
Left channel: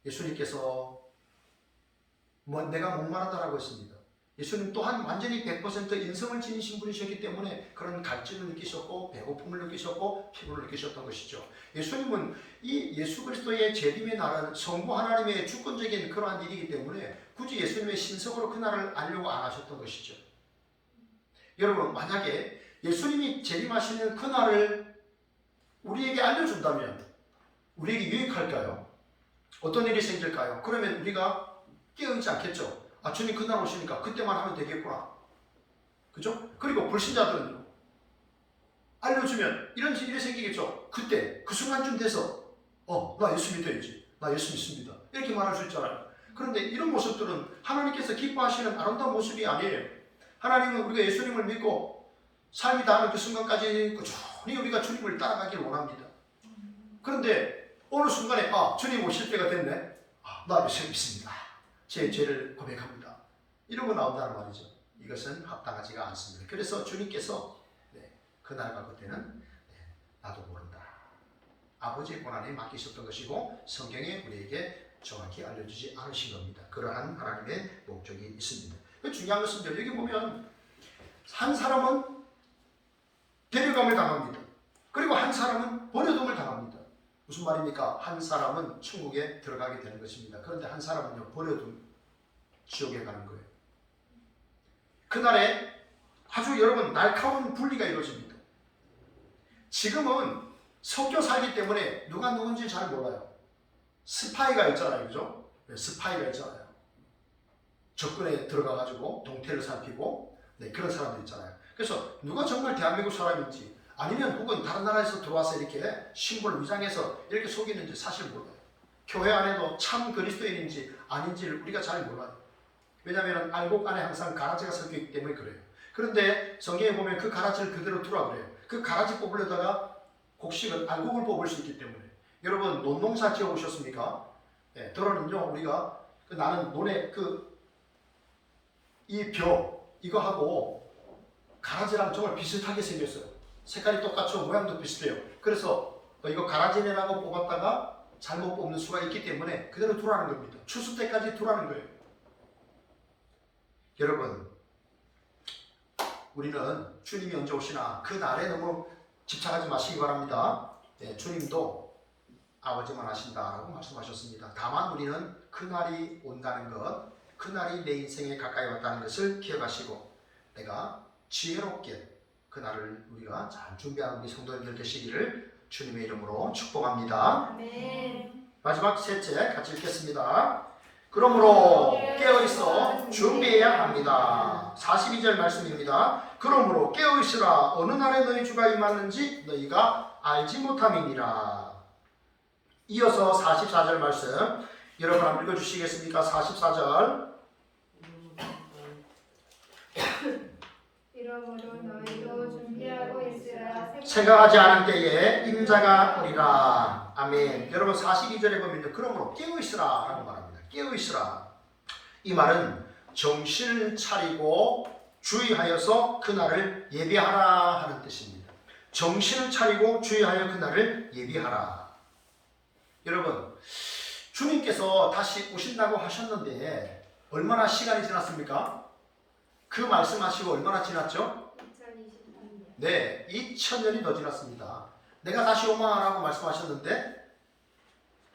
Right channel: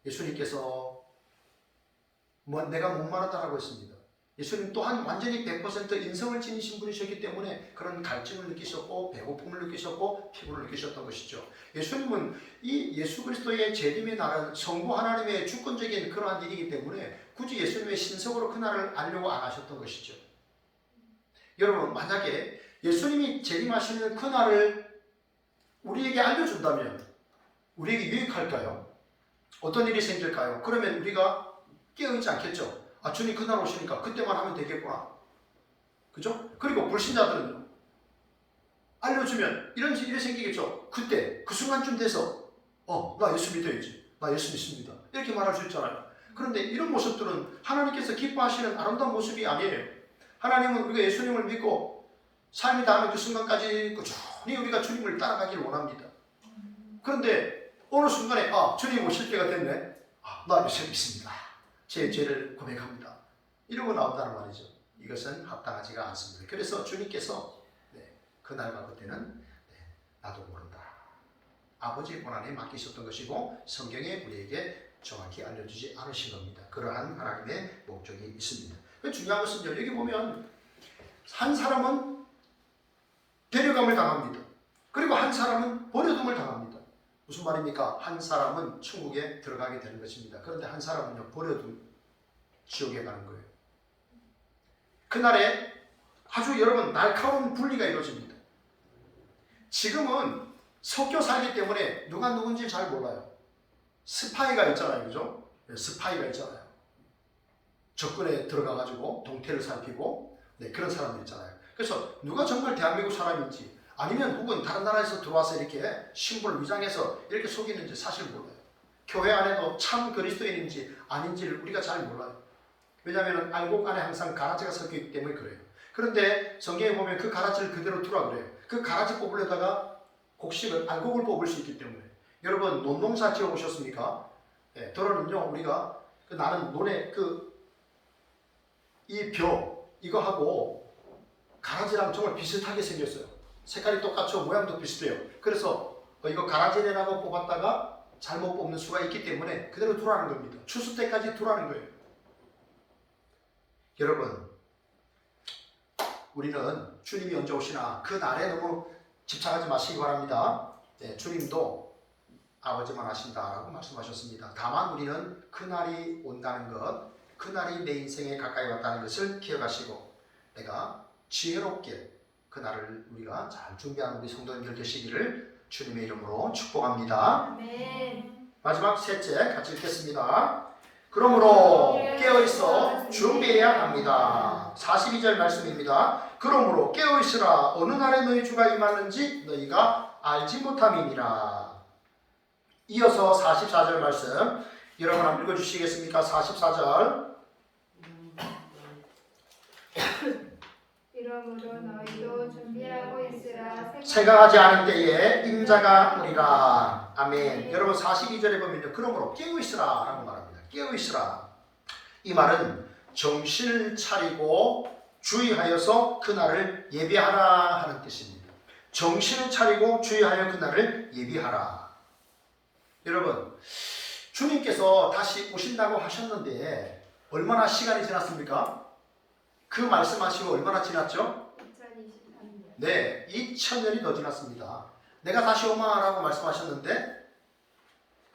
예수님께서 내가 목마르다라고 했습니다. 예수님 또한 완전히 100% 인성을 지니신 분이셨기 때문에 그런 갈증을 느끼셨고 배고픔을 느끼셨고 피곤을 느끼셨던 것이죠. 예수님은 이 예수 그리스도의 재림의 날은 성부 하나님의 주권적인 그러한 일이기 때문에 굳이 예수님의 신성으로 그날을 알려고 안 하셨던 것이죠. 여러분 만약에 예수님이 재림하시는 그날을 우리에게 알려준다면 우리에게 유익할까요? 어떤 일이 생길까요? 그러면 우리가 깨어있지 않겠죠. 아 주님 그날 오시니까 그때만 하면 되겠구나. 그죠? 그리고 불신자들은요. 알려주면 이런 일이 생기겠죠. 그때 그 순간쯤 돼서 나 예수 믿어야지. 나 예수 믿습니다. 이렇게 말할 수 있잖아요. 그런데 이런 모습들은 하나님께서 기뻐하시는 아름다운 모습이 아니에요. 하나님은 우리가 예수님을 믿고 삶이 닿는 그 순간까지 꾸준히 우리가 주님을 따라가기를 원합니다. 그런데 어느 순간에 주님 오실 때가 됐네. 나 예수 믿습니다. 제 죄를 고백합니다. 이러고 나온다는 말이죠. 이것은 합당하지가 않습니다. 그래서 주님께서 그날과 그때는 나도 모른다. 아버지의 권한에 맡기셨던 것이고 성경에 우리에게 정확히 알려주지 않으신 겁니다. 그러한 하나님의 목적이 있습니다. 중요한 것은 여기 보면 한 사람은 데려감을 당합니다. 그리고 한 사람은 버려둠을 당합니다. 무슨 말입니까? 한 사람은 천국에 들어가게 되는 것입니다. 그런데 한 사람은요 버려둠 지옥에 가는 거예요. 그날에 아주 여러분 날카로운 분리가 이루어집니다. 지금은 섞여 살기 때문에 누가 누군지 잘 몰라요. 스파이가 있잖아요. 그죠? 스파이가 있잖아요. 적군에 들어가가지고 동태를 살피고 그런 사람들 있잖아요. 그래서 누가 정말 대한민국 사람인지 아니면 혹은 다른 나라에서 들어와서 이렇게 신분을 위장해서 이렇게 속이는지 사실 몰라요. 교회 안에도 참 그리스도인인지 아닌지를 우리가 잘 몰라요. 왜냐하면 알곡 안에 항상 가라지가 섞여 있기 때문에 그래요. 그런데 성경에 보면 그 가라지를 그대로 두라 그래요. 그 가라지 뽑으려다가 곡식은 알곡을 뽑을 수 있기 때문에. 여러분 논농사 지어 보셨습니까? 도로는요 우리가 나는 논에 이 벼 이거하고 가라지랑 정말 비슷하게 생겼어요. 색깔이 똑같죠. 모양도 비슷해요. 그래서 이거 가라지라고 뽑았다가 잘못 뽑는 수가 있기 때문에 그대로 두라는 겁니다. 추수 때까지 두라는 거예요. 여러분 우리는 주님이 언제 오시나 그 날에 너무 집착하지 마시기 바랍니다. 주님도 아버지만 하신다라고 말씀하셨습니다. 다만 우리는 그날이 온다는 것, 그날이 내 인생에 가까이 왔다는 것을 기억하시고 내가 지혜롭게 그날을 우리가 잘 준비하는 우리 성도님들 되시기를 주님의 이름으로 축복합니다. 아멘. 마지막 셋째 같이 읽겠습니다. 그러므로 깨어있어 준비해야 합니다. 42절 말씀입니다. 그러므로 깨어있으라. 어느 날에 너희 주가 임하는지 너희가 알지 못함이니라. 이어서 44절 말씀 여러분 한번 읽어주시겠습니까? 44절. 이러므로 너희도 준비하고 있으라. 생각하지 않은 때에 임자가 오리라. 아멘. 여러분 42절에 보면요. 그러므로 깨어있으라 라고 말합니다. 깨어있으라. 이 말은 정신을 차리고 주의하여서 그날을 예비하라 하는 뜻입니다. 정신을 차리고 주의하여 그날을 예비하라. 여러분 주님께서 다시 오신다고 하셨는데 얼마나 시간이 지났습니까? 그 말씀하시고 얼마나 지났죠? 2023년. 네, 2000년이 더 지났습니다. 내가 다시 오망하라고 말씀하셨는데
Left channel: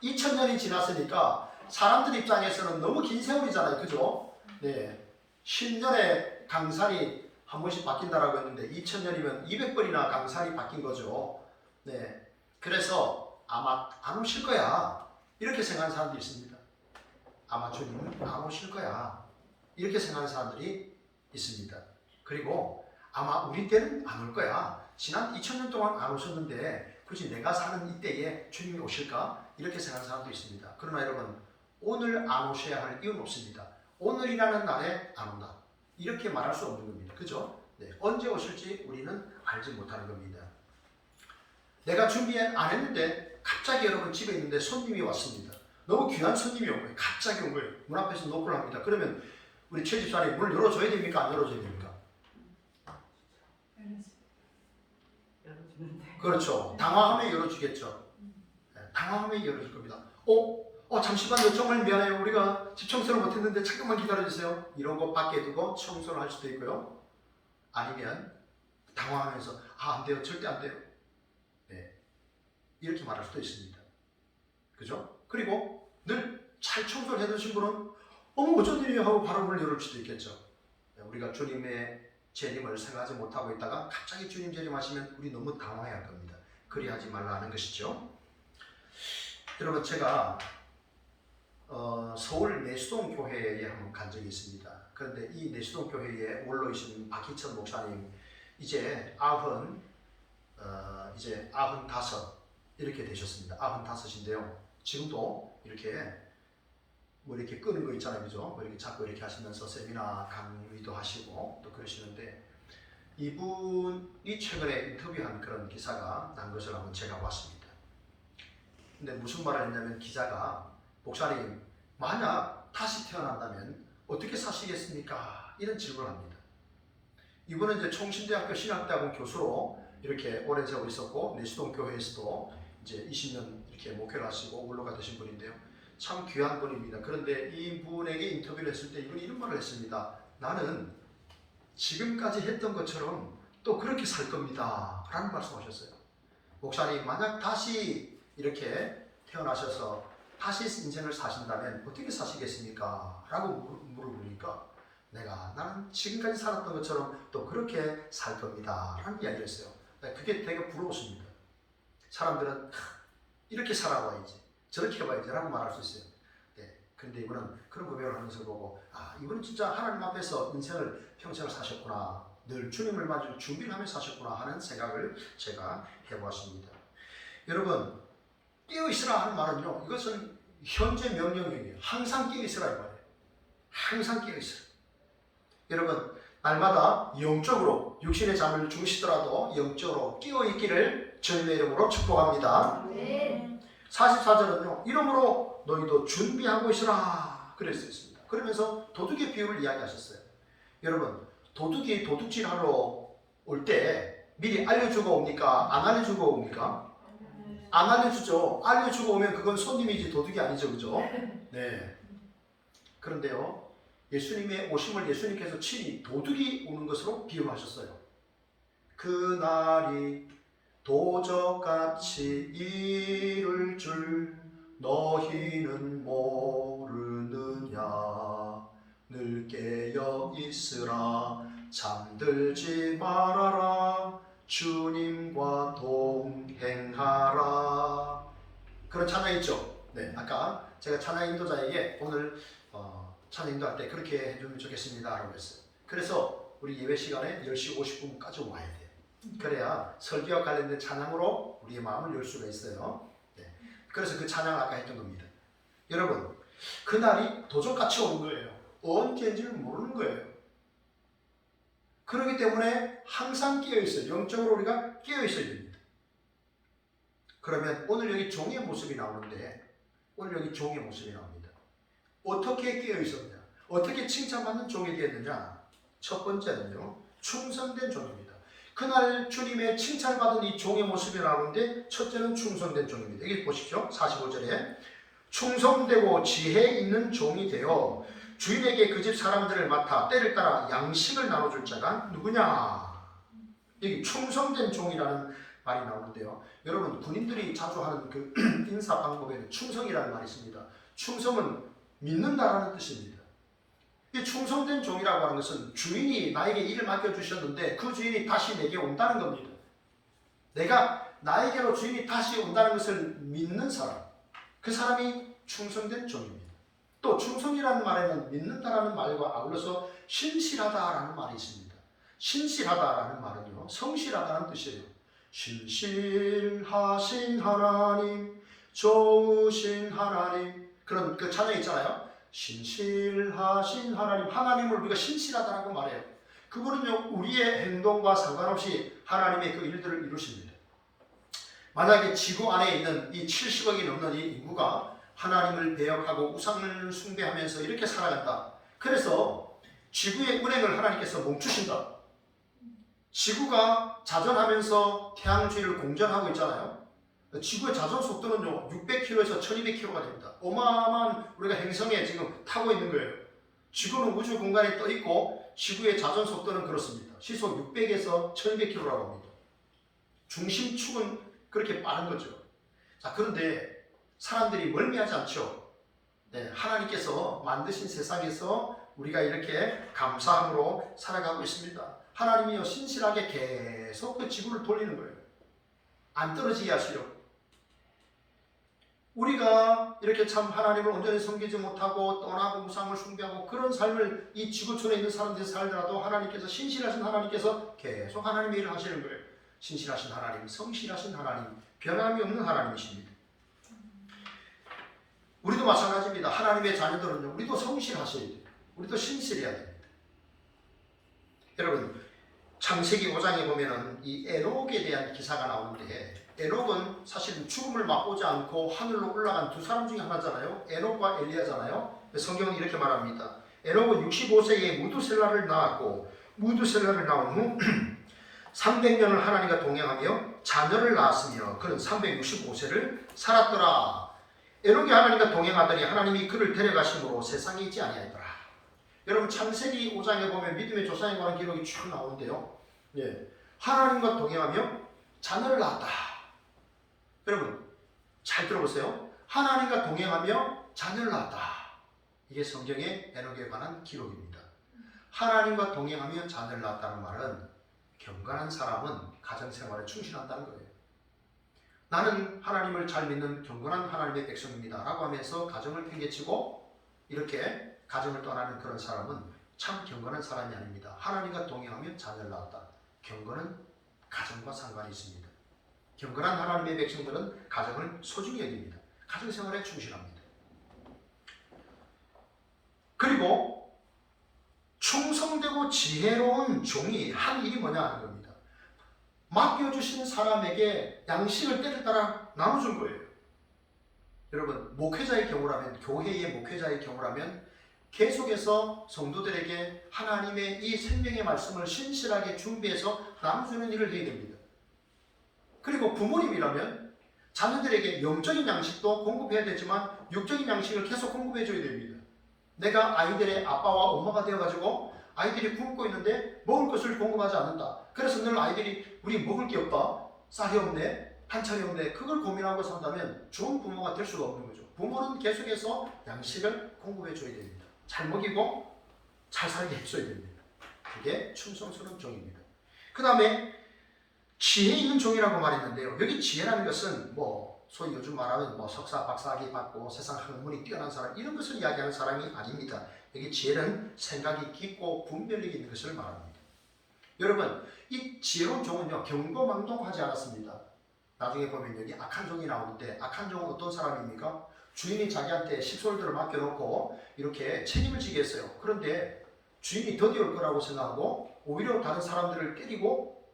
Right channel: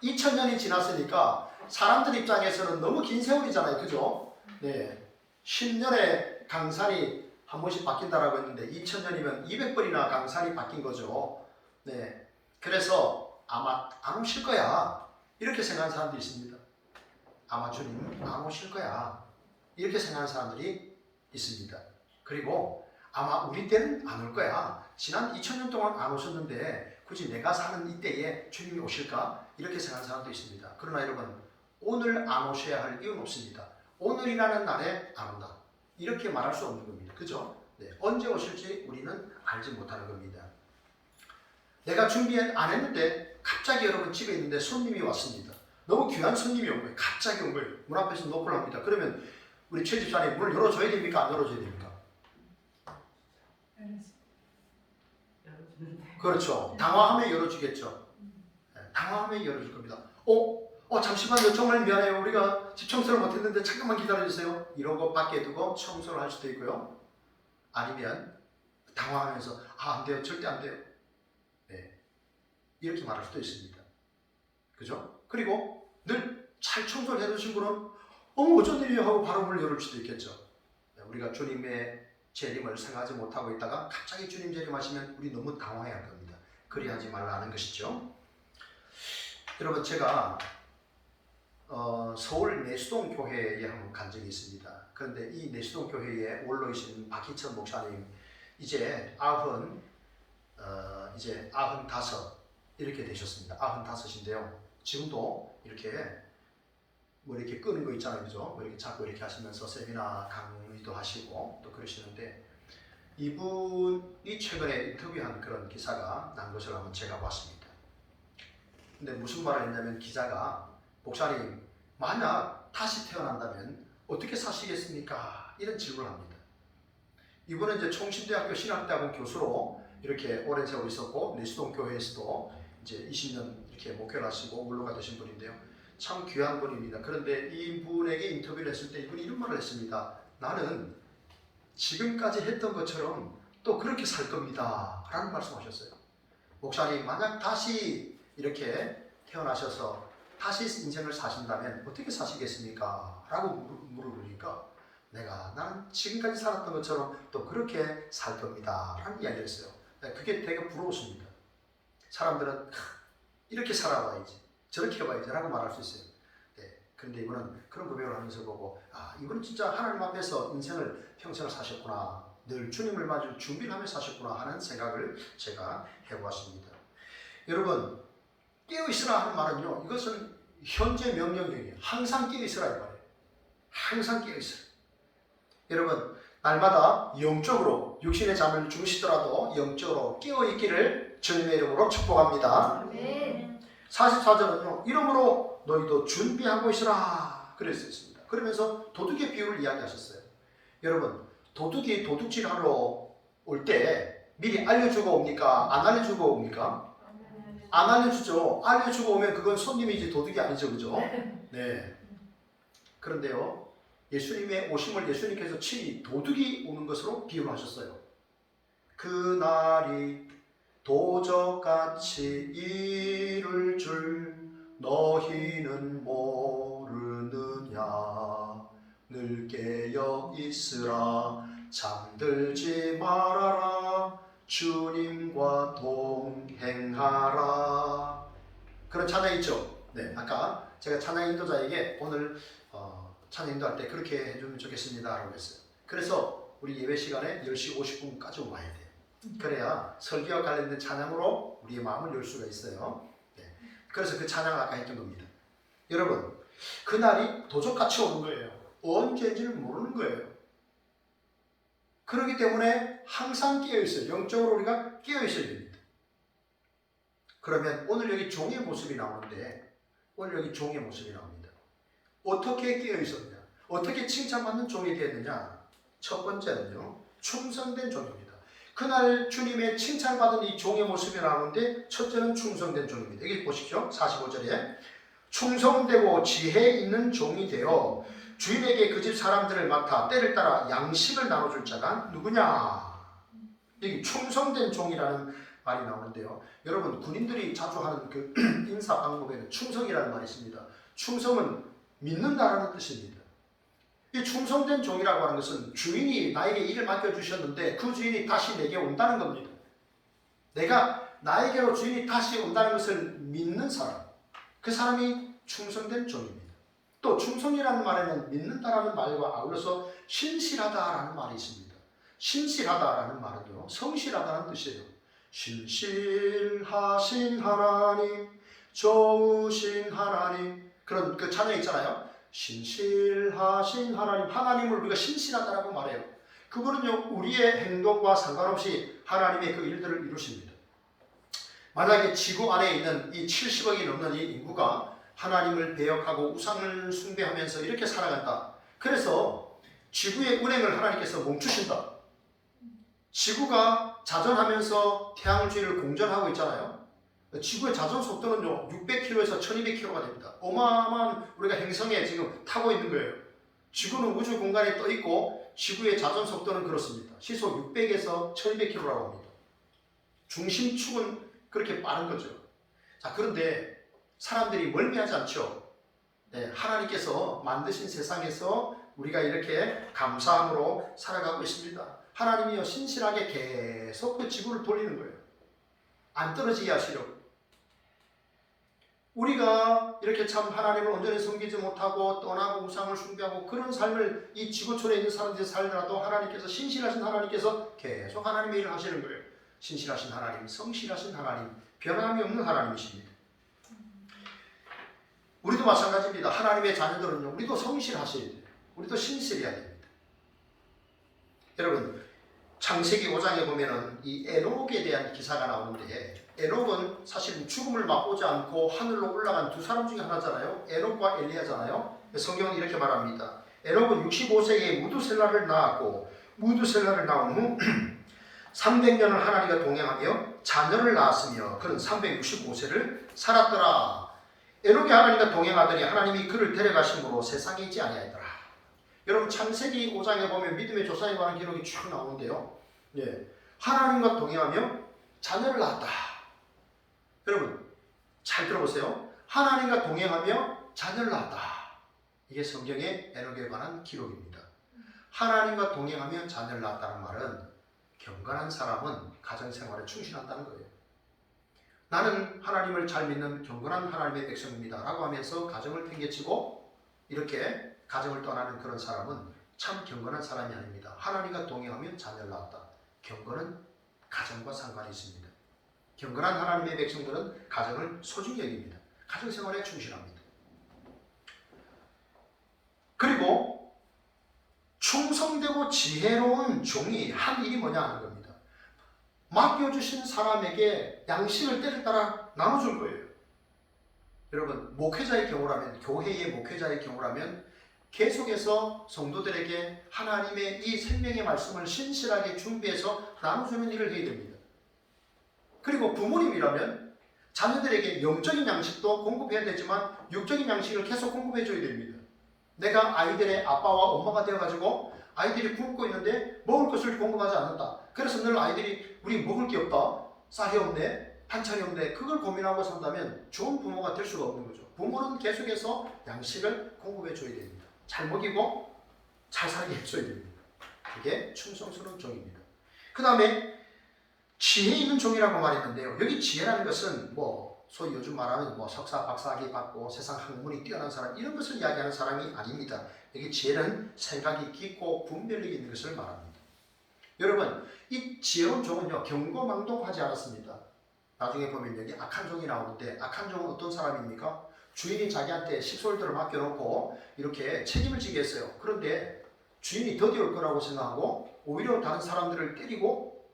2000년이 지났으니까 사람들 입장에서는 너무 긴 세월이잖아요. 그죠? 네, 10년에 강산이 한 번씩 바뀐다라고 했는데 2000년이면 200번이나 강산이 바뀐 거죠. 네, 그래서 아마 안 오실 거야 이렇게 생각하는 사람도 있습니다. 아마 주님 안 오실 거야 이렇게 생각하는 사람들이 있습니다. 그리고 아마 우리 때는 안 올 거야. 지난 2000년 동안 안 오셨는데 굳이 내가 사는 이때에 주님이 오실까? 이렇게 생각하는 사람도 있습니다. 그러나 여러분 오늘 안 오셔야 할 이유는 없습니다. 오늘이라는 날에 안 온다. 이렇게 말할 수 없는 겁니다. 그죠? 네, 언제 오실지 우리는 알지 못하는 겁니다. 내가 준비 안 했는데 갑자기 여러분 집에 있는데 손님이 왔습니다. 너무 귀한 손님이 온 거예요. 갑자기 온 거예요. 문 앞에서 노크를 합니다. 그러면 우리 최 집사님이 문을 열어줘야 됩니까? 안 열어줘야 됩니까? 열어주는데. 그렇죠. 당황하면 열어주겠죠. 네, 당황하면 열어줄 겁니다. 잠시만요. 정말 미안해요. 우리가 집 청소를 못했는데 잠깐만 기다려주세요. 이런 거 밖에 두고 청소를 할 수도 있고요. 아니면 당황하면서 안 돼요. 절대 안 돼요. 네, 이렇게 말할 수도 있습니다. 그죠? 그리고 늘 잘 청소를 해두신 분은 어쩐 일이야 하고 바로 문을 열을 수도 있겠죠. 우리가 주님의 재림을 생각하지 못하고 있다가 갑자기 주님 재림하시면 우리 너무 당황해야 할 겁니다. 그리하지 말라는 것이죠. 여러분 제가 서울 내수동 교회에 한번 간 적이 있습니다. 그런데 이 내수동 교회에 원로이신 박희천 목사님 이제 95 이렇게 되셨습니다. 95인데요. 지금도 이렇게 이렇게 끄는 거 있잖아요, 그죠? 이렇게 자꾸 이렇게 하시면서 세미나 강의도 하시고 또 그러시는데 이분이 최근에 인터뷰한 그런 기사가 난 것을 한번 제가 봤습니다. 근데 무슨 말을 했냐면 기자가 목사님 만약 다시 태어난다면 어떻게 사시겠습니까? 이런 질문을 합니다. 이분은 이제 총신대학교 신학대학원 교수로 이렇게 오랜 세월 있었고 내수동 교회에서도 이제 20년 이렇게 목회를 하시고 원로가 되신 분인데요. 참 귀한 분입니다. 그런데 이분에게 인터뷰를 했을 때 이분이 이런 말을 했습니다. 나는 지금까지 했던 것처럼 또 그렇게 살 겁니다. 라는 말씀하셨어요. 목사님 만약 다시 이렇게 태어나셔서 다시 인생을 사신다면 어떻게 사시겠습니까? 라고 물어보니까 나는 지금까지 살았던 것처럼 또 그렇게 살 겁니다. 라는 이야기를 했어요. 그게 되게 부러웠습니다. 사람들은 이렇게 살아봐야지 저렇게 해봐야지 라고 말할 수 있어요. 네. 그런데 이분은 그런 고백을 하면서 보고 이분은 진짜 하나님 앞에서 인생을 평생을 사셨구나. 늘 주님을 맞을 준비를 하면서 사셨구나 하는 생각을 제가 해보았습니다. 여러분 깨어있으라 하는 말은요. 이것은 현재 명령형이에요. 항상 깨어있으라 말이에요. 항상 깨어있으라. 여러분 날마다 영적으로 육신의 잠을 주무시더라도 영적으로 깨어있기를 주님의 이름으로 축복합니다. 아멘. 44절은요. 이러므로 너희도 준비하고 있으라 그랬어 있습니다. 그러면서 도둑의 비유를 이야기하셨어요. 여러분 도둑이 도둑질하러 올 때 미리 알려주고 옵니까? 안 알려주고 옵니까? 안 알려주죠. 알려주고 오면 그건 손님이지 도둑이 아니죠. 그죠? 네. 그런데요. 예수님의 오심을 예수님께서 친히 도둑이 오는 것으로 비유하셨어요. 그날이 도적같이 이룰 줄 너희는 모르느냐. 늘 깨어 있으라. 잠들지 말아라. 주님과 동행하라. 그런 찬양 있죠? 네, 아까 제가 찬양 인도자에게 오늘 찬양 인도할 때 그렇게 해주면 좋겠습니다 라고 했어요. 그래서 우리 예배 시간에 10시 50분까지 와야 돼요. 그래야 설교와 관련된 찬양으로 우리의 마음을 열 수가 있어요. 네. 그래서 그 찬양을 아까 했던 겁니다. 여러분, 그날이 도적같이 오는 거예요. 언제인지를 모르는 거예요. 그렇기 때문에 항상 깨어있어요. 영적으로 우리가 깨어있어야 됩니다. 그러면 오늘 여기 종의 모습이 나오는데, 오늘 여기 종의 모습이 나옵니다. 어떻게 깨어있었냐? 어떻게 칭찬받는 종이 되었느냐? 첫 번째는요, 충성된 종입니다. 그날 주님의 칭찬받은 이 종의 모습이 나오는데, 첫째는 충성된 종입니다. 여기 보십시오. 45절에 충성되고 지혜 있는 종이 되어 주인에게 그 집 사람들을 맡아 때를 따라 양식을 나눠줄 자가 누구냐? 여기 충성된 종이라는 말이 나오는데요. 여러분, 군인들이 자주 하는 그 인사 방법에는 충성이라는 말이 있습니다. 충성은 믿는다라는 뜻입니다. 이 충성된 종이라고 하는 것은 주인이 나에게 일을 맡겨주셨는데 그 주인이 다시 내게 온다는 겁니다. 내가 나에게로 주인이 다시 온다는 것을 믿는 사람, 그 사람이 충성된 종입니다. 또 충성이라는 말에는 믿는다라는 말과 아울러서 신실하다라는 말이 있습니다. 신실하다라는 말은요, 성실하다는 뜻이에요. 신실하신 하나님, 좋으신 하나님, 그런 그 찬양 있잖아요. 신실하신 하나님, 하나님을 우리가 신실하다라고 말해요. 그분은요, 우리의 행동과 상관없이 하나님의 그 일들을 이루십니다. 만약에 지구 안에 있는 이 70억이 넘는 이 인구가 하나님을 배역하고 우상을 숭배하면서 이렇게 살아간다. 그래서 지구의 운행을 하나님께서 멈추신다. 지구가 자전하면서 태양주위를 공전하고 있잖아요. 지구의 자전 속도는요 600km에서 1200km가 됩니다. 어마어마한 우리가 행성에 지금 타고 있는 거예요. 지구는 우주 공간에 떠 있고 지구의 자전 속도는 그렇습니다. 시속 600에서 1200km라고 합니다. 중심축은 그렇게 빠른 거죠. 자, 그런데 사람들이 멀미하지 않죠. 네, 하나님께서 만드신 세상에서 우리가 이렇게 감사함으로 살아가고 있습니다. 하나님이요 신실하게 계속 그 지구를 돌리는 거예요. 안 떨어지게 하시려고. 우리가 이렇게 참 하나님을 온전히 섬기지 못하고 떠나고 우상을 숭배하고 그런 삶을 이 지구촌에 있는 사람들이 살더라도 하나님께서 신실하신 하나님께서 계속 하나님의 일을 하시는 거예요. 신실하신 하나님, 성실하신 하나님, 변함이 없는 하나님이십니다. 우리도 마찬가지입니다. 하나님의 자녀들은요, 우리도 성실하셔야 돼요. 우리도 신실해야 됩니다. 여러분, 창세기 5장에 보면은 이 에녹에 대한 기사가 나오는데, 에녹은 사실 죽음을 맛보지 않고 하늘로 올라간 두 사람 중에 하나잖아요. 에녹과 엘리야잖아요. 성경은 이렇게 말합니다. 에녹은 65세에 무두셀라를 낳았고, 무두셀라를 낳은 후 300년을 하나님과 동행하며 자녀를 낳았으며 그는 365세를 살았더라. 에녹이 하나님과 동행하더니 하나님이 그를 데려가심으로 세상에 있지 아니하더라. 여러분, 창세기 5장에 보면 믿음의 조상에 관한 기록이 쭉 나오는데요. 예, 하나님과 동행하며 자녀를 낳았다. 여러분, 잘 들어보세요. 하나님과 동행하며 자녀를 낳았다. 이게 성경의 에녹에 관한 기록입니다. 하나님과 동행하며 자녀를 낳았다는 말은 경건한 사람은 가정생활에 충실한다는 거예요. 나는 하나님을 잘 믿는 경건한 하나님의 백성입니다 라고 하면서 가정을 팽개치고 이렇게 가정을 떠나는 그런 사람은 참 경건한 사람이 아닙니다. 하나님과 동행하며 자녀를 낳았다. 경건은 가정과 상관이 있습니다. 경건한 하나님의 백성들은 가정을 소중히 여깁니다. 가정생활에 충실합니다. 그리고 충성되고 지혜로운 종이 한 일이 뭐냐 하는 겁니다. 맡겨주신 사람에게 양식을 때를 따라 나눠줄 거예요. 여러분, 목회자의 경우라면, 교회의 목회자의 경우라면 계속해서 성도들에게 하나님의 이 생명의 말씀을 신실하게 준비해서 나눠주는 일을 해야 됩니다. 그리고 부모님이라면 자녀들에게 영적인 양식도 공급해야 되지만 육적인 양식을 계속 공급해줘야 됩니다. 내가 아이들의 아빠와 엄마가 되어가지고 아이들이 굶고 있는데 먹을 것을 공급하지 않는다. 그래서 늘 아이들이 우리 먹을 게 없다. 쌀이 없네. 반찬이 없네. 그걸 고민하고 산다면 좋은 부모가 될 수가 없는 거죠. 부모는 계속해서 양식을 공급해줘야 됩니다. 잘 먹이고 잘 살게 해줘야 됩니다. 그게 충성스러운 종입니다. 그 다음에 지혜 있는 종이라고 말했는데요. 여기 지혜라는 것은 소위 요즘 말하는 뭐 석사, 박사학위 받고 세상 학문이 뛰어난 사람 이런 것을 이야기하는 사람이 아닙니다. 여기 지혜는 생각이 깊고 분별력이 있는 것을 말합니다. 여러분 이 지혜로운 종은요 경거망동하지 않았습니다. 나중에 보면 여기 악한 종이 나오는데 악한 종은 어떤 사람입니까? 주인이 자기한테 식솔들을 맡겨놓고 이렇게 책임을 지게 했어요. 그런데 주인이 더디올 거라고 생각하고 오히려 다른 사람들을 때리고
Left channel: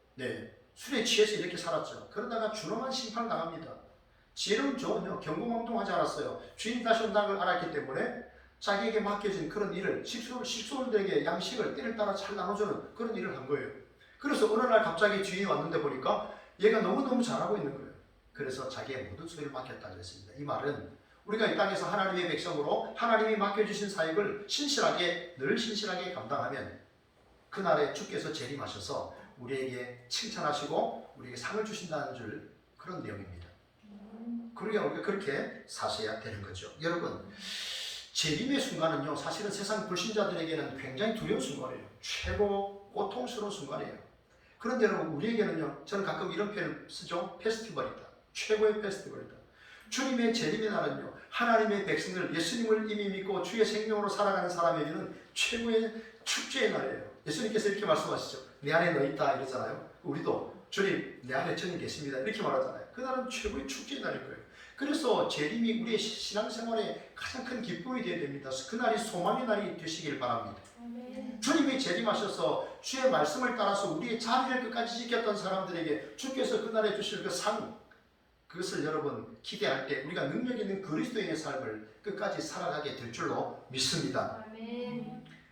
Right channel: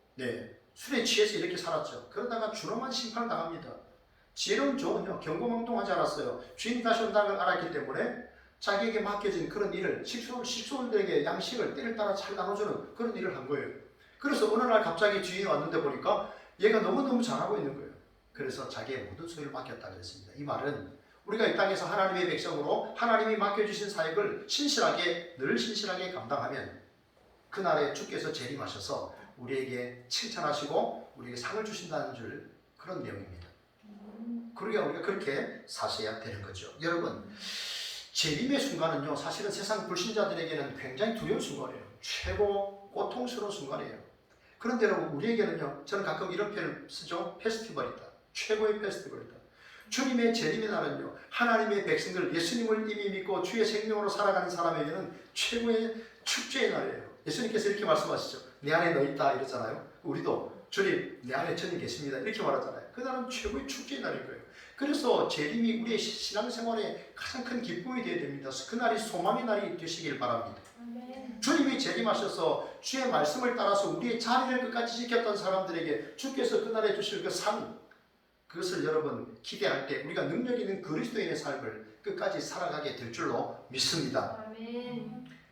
술에 취해서 이렇게 살았죠. 그러다가 준엄한 심판을 당합니다. 지혜로운 종은요 경고망동하지 않았어요. 주인이 다시 온다는 걸 알았기 때문에 자기에게 맡겨진 그런 일을 식솔들에게 양식을 때를 따라 잘 나눠주는 그런 일을 한 거예요. 그래서 어느 날 갑자기 주인이 왔는데 보니까 얘가 너무너무 잘하고 있는 거예요. 그래서 자기의 모든 소유를 맡겼다 그랬습니다. 이 말은 우리가 이 땅에서 하나님의 백성으로 하나님이 맡겨주신 사역을 늘 신실하게 감당하면 그날에 주께서 재림하셔서 우리에게 칭찬하시고 우리에게 상을 주신다는 줄 그런 내용입니다. 그러니까 우리가 그렇게 사셔야 되는 거죠. 여러분 재림의 순간은요 사실은 세상 불신자들에게는 굉장히 두려운 순간이에요. 최고 고통스러운 순간이에요. 그런데 여러분 우리에게는요 저는 가끔 이런 표현을 쓰죠. 페스티벌이다. 최고의 페스티벌이다. 주님의 재림의 날은요 하나님의 백성들 예수님을 이미 믿고 주의 생명으로 살아가는 사람에게는 최고의 축제의 날이에요. 예수님께서 이렇게 말씀하시죠. 내 안에 너 있다 이러잖아요. 우리도 주님 내 안에 저는 계십니다 이렇게 말하잖아요. 그날은 최고의 축제의 날인 거예요. 그래서 재림이 우리의 신앙생활에 가장 큰 기쁨이 되어야 됩니다. 그날이 소망의 날이 되시길 바랍니다. 주님이 재림하셔서 주의 말씀을 따라서 우리의 자리를 끝까지 지켰던 사람들에게 주께서 그날에 주실 그 상, 그것을 여러분 기대할 때 우리가 능력 있는 그리스도인의 삶을 끝까지 살아가게 될 줄로 믿습니다.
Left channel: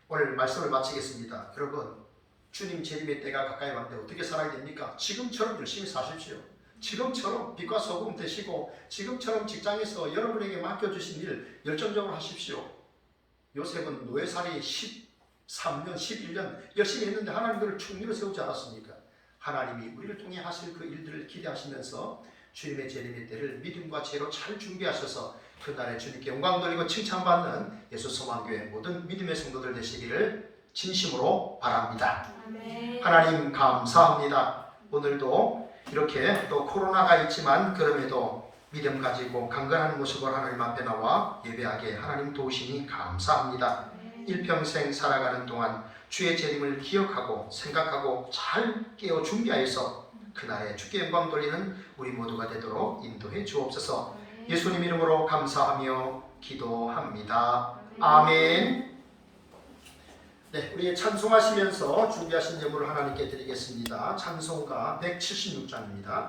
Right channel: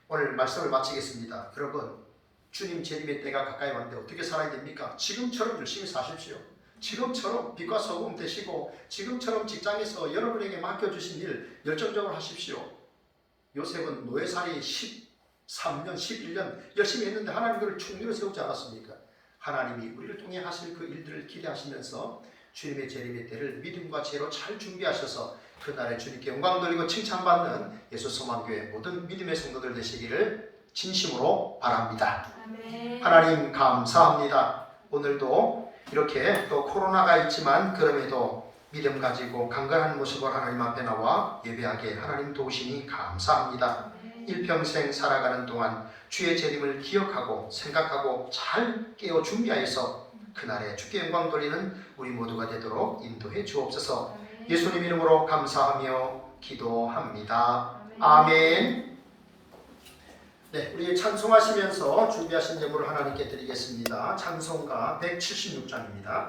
오늘 말씀을 마치겠습니다. 여러분 주님 재림의 때가 가까이 왔는데 어떻게 살아야 됩니까? 지금처럼 열심히 사십시오. 지금처럼 빛과 소금 되시고 지금처럼 직장에서 여러분에게 맡겨주신 일 열정적으로 하십시오. 요셉은 노예살이 13년, 11년 열심히 했는데 하나님 그를 충리로 세우지 않았습니까? 하나님이 우리를 통해 하실 그 일들을 기대하시면서 주님의 재림의 때를 믿음과 지혜로 잘 준비하셔서 그날에 주님께 영광 돌리고 칭찬받는 예수 소망교회 모든 믿음의 성도들 되시기를 진심으로 바랍니다. 하나님 감사합니다. 오늘도 이렇게 또 코로나가 있지만 그럼에도 믿음 가지고 강건한 모습으로 하나님 앞에 나와 예배하게 하나님 도우시니 감사합니다. 일평생 살아가는 동안 주의 재림을 기억하고 생각하고 잘 깨어 준비하여서 그날에 주께 영광 돌리는 우리 모두가 되도록 인도해 주옵소서. 예수님 이름으로 감사하며 기도합니다. 아멘. 네, 우리 찬송하시면서 준비하신 예물을 하나님께 드리겠습니다. 찬송가 176장입니다.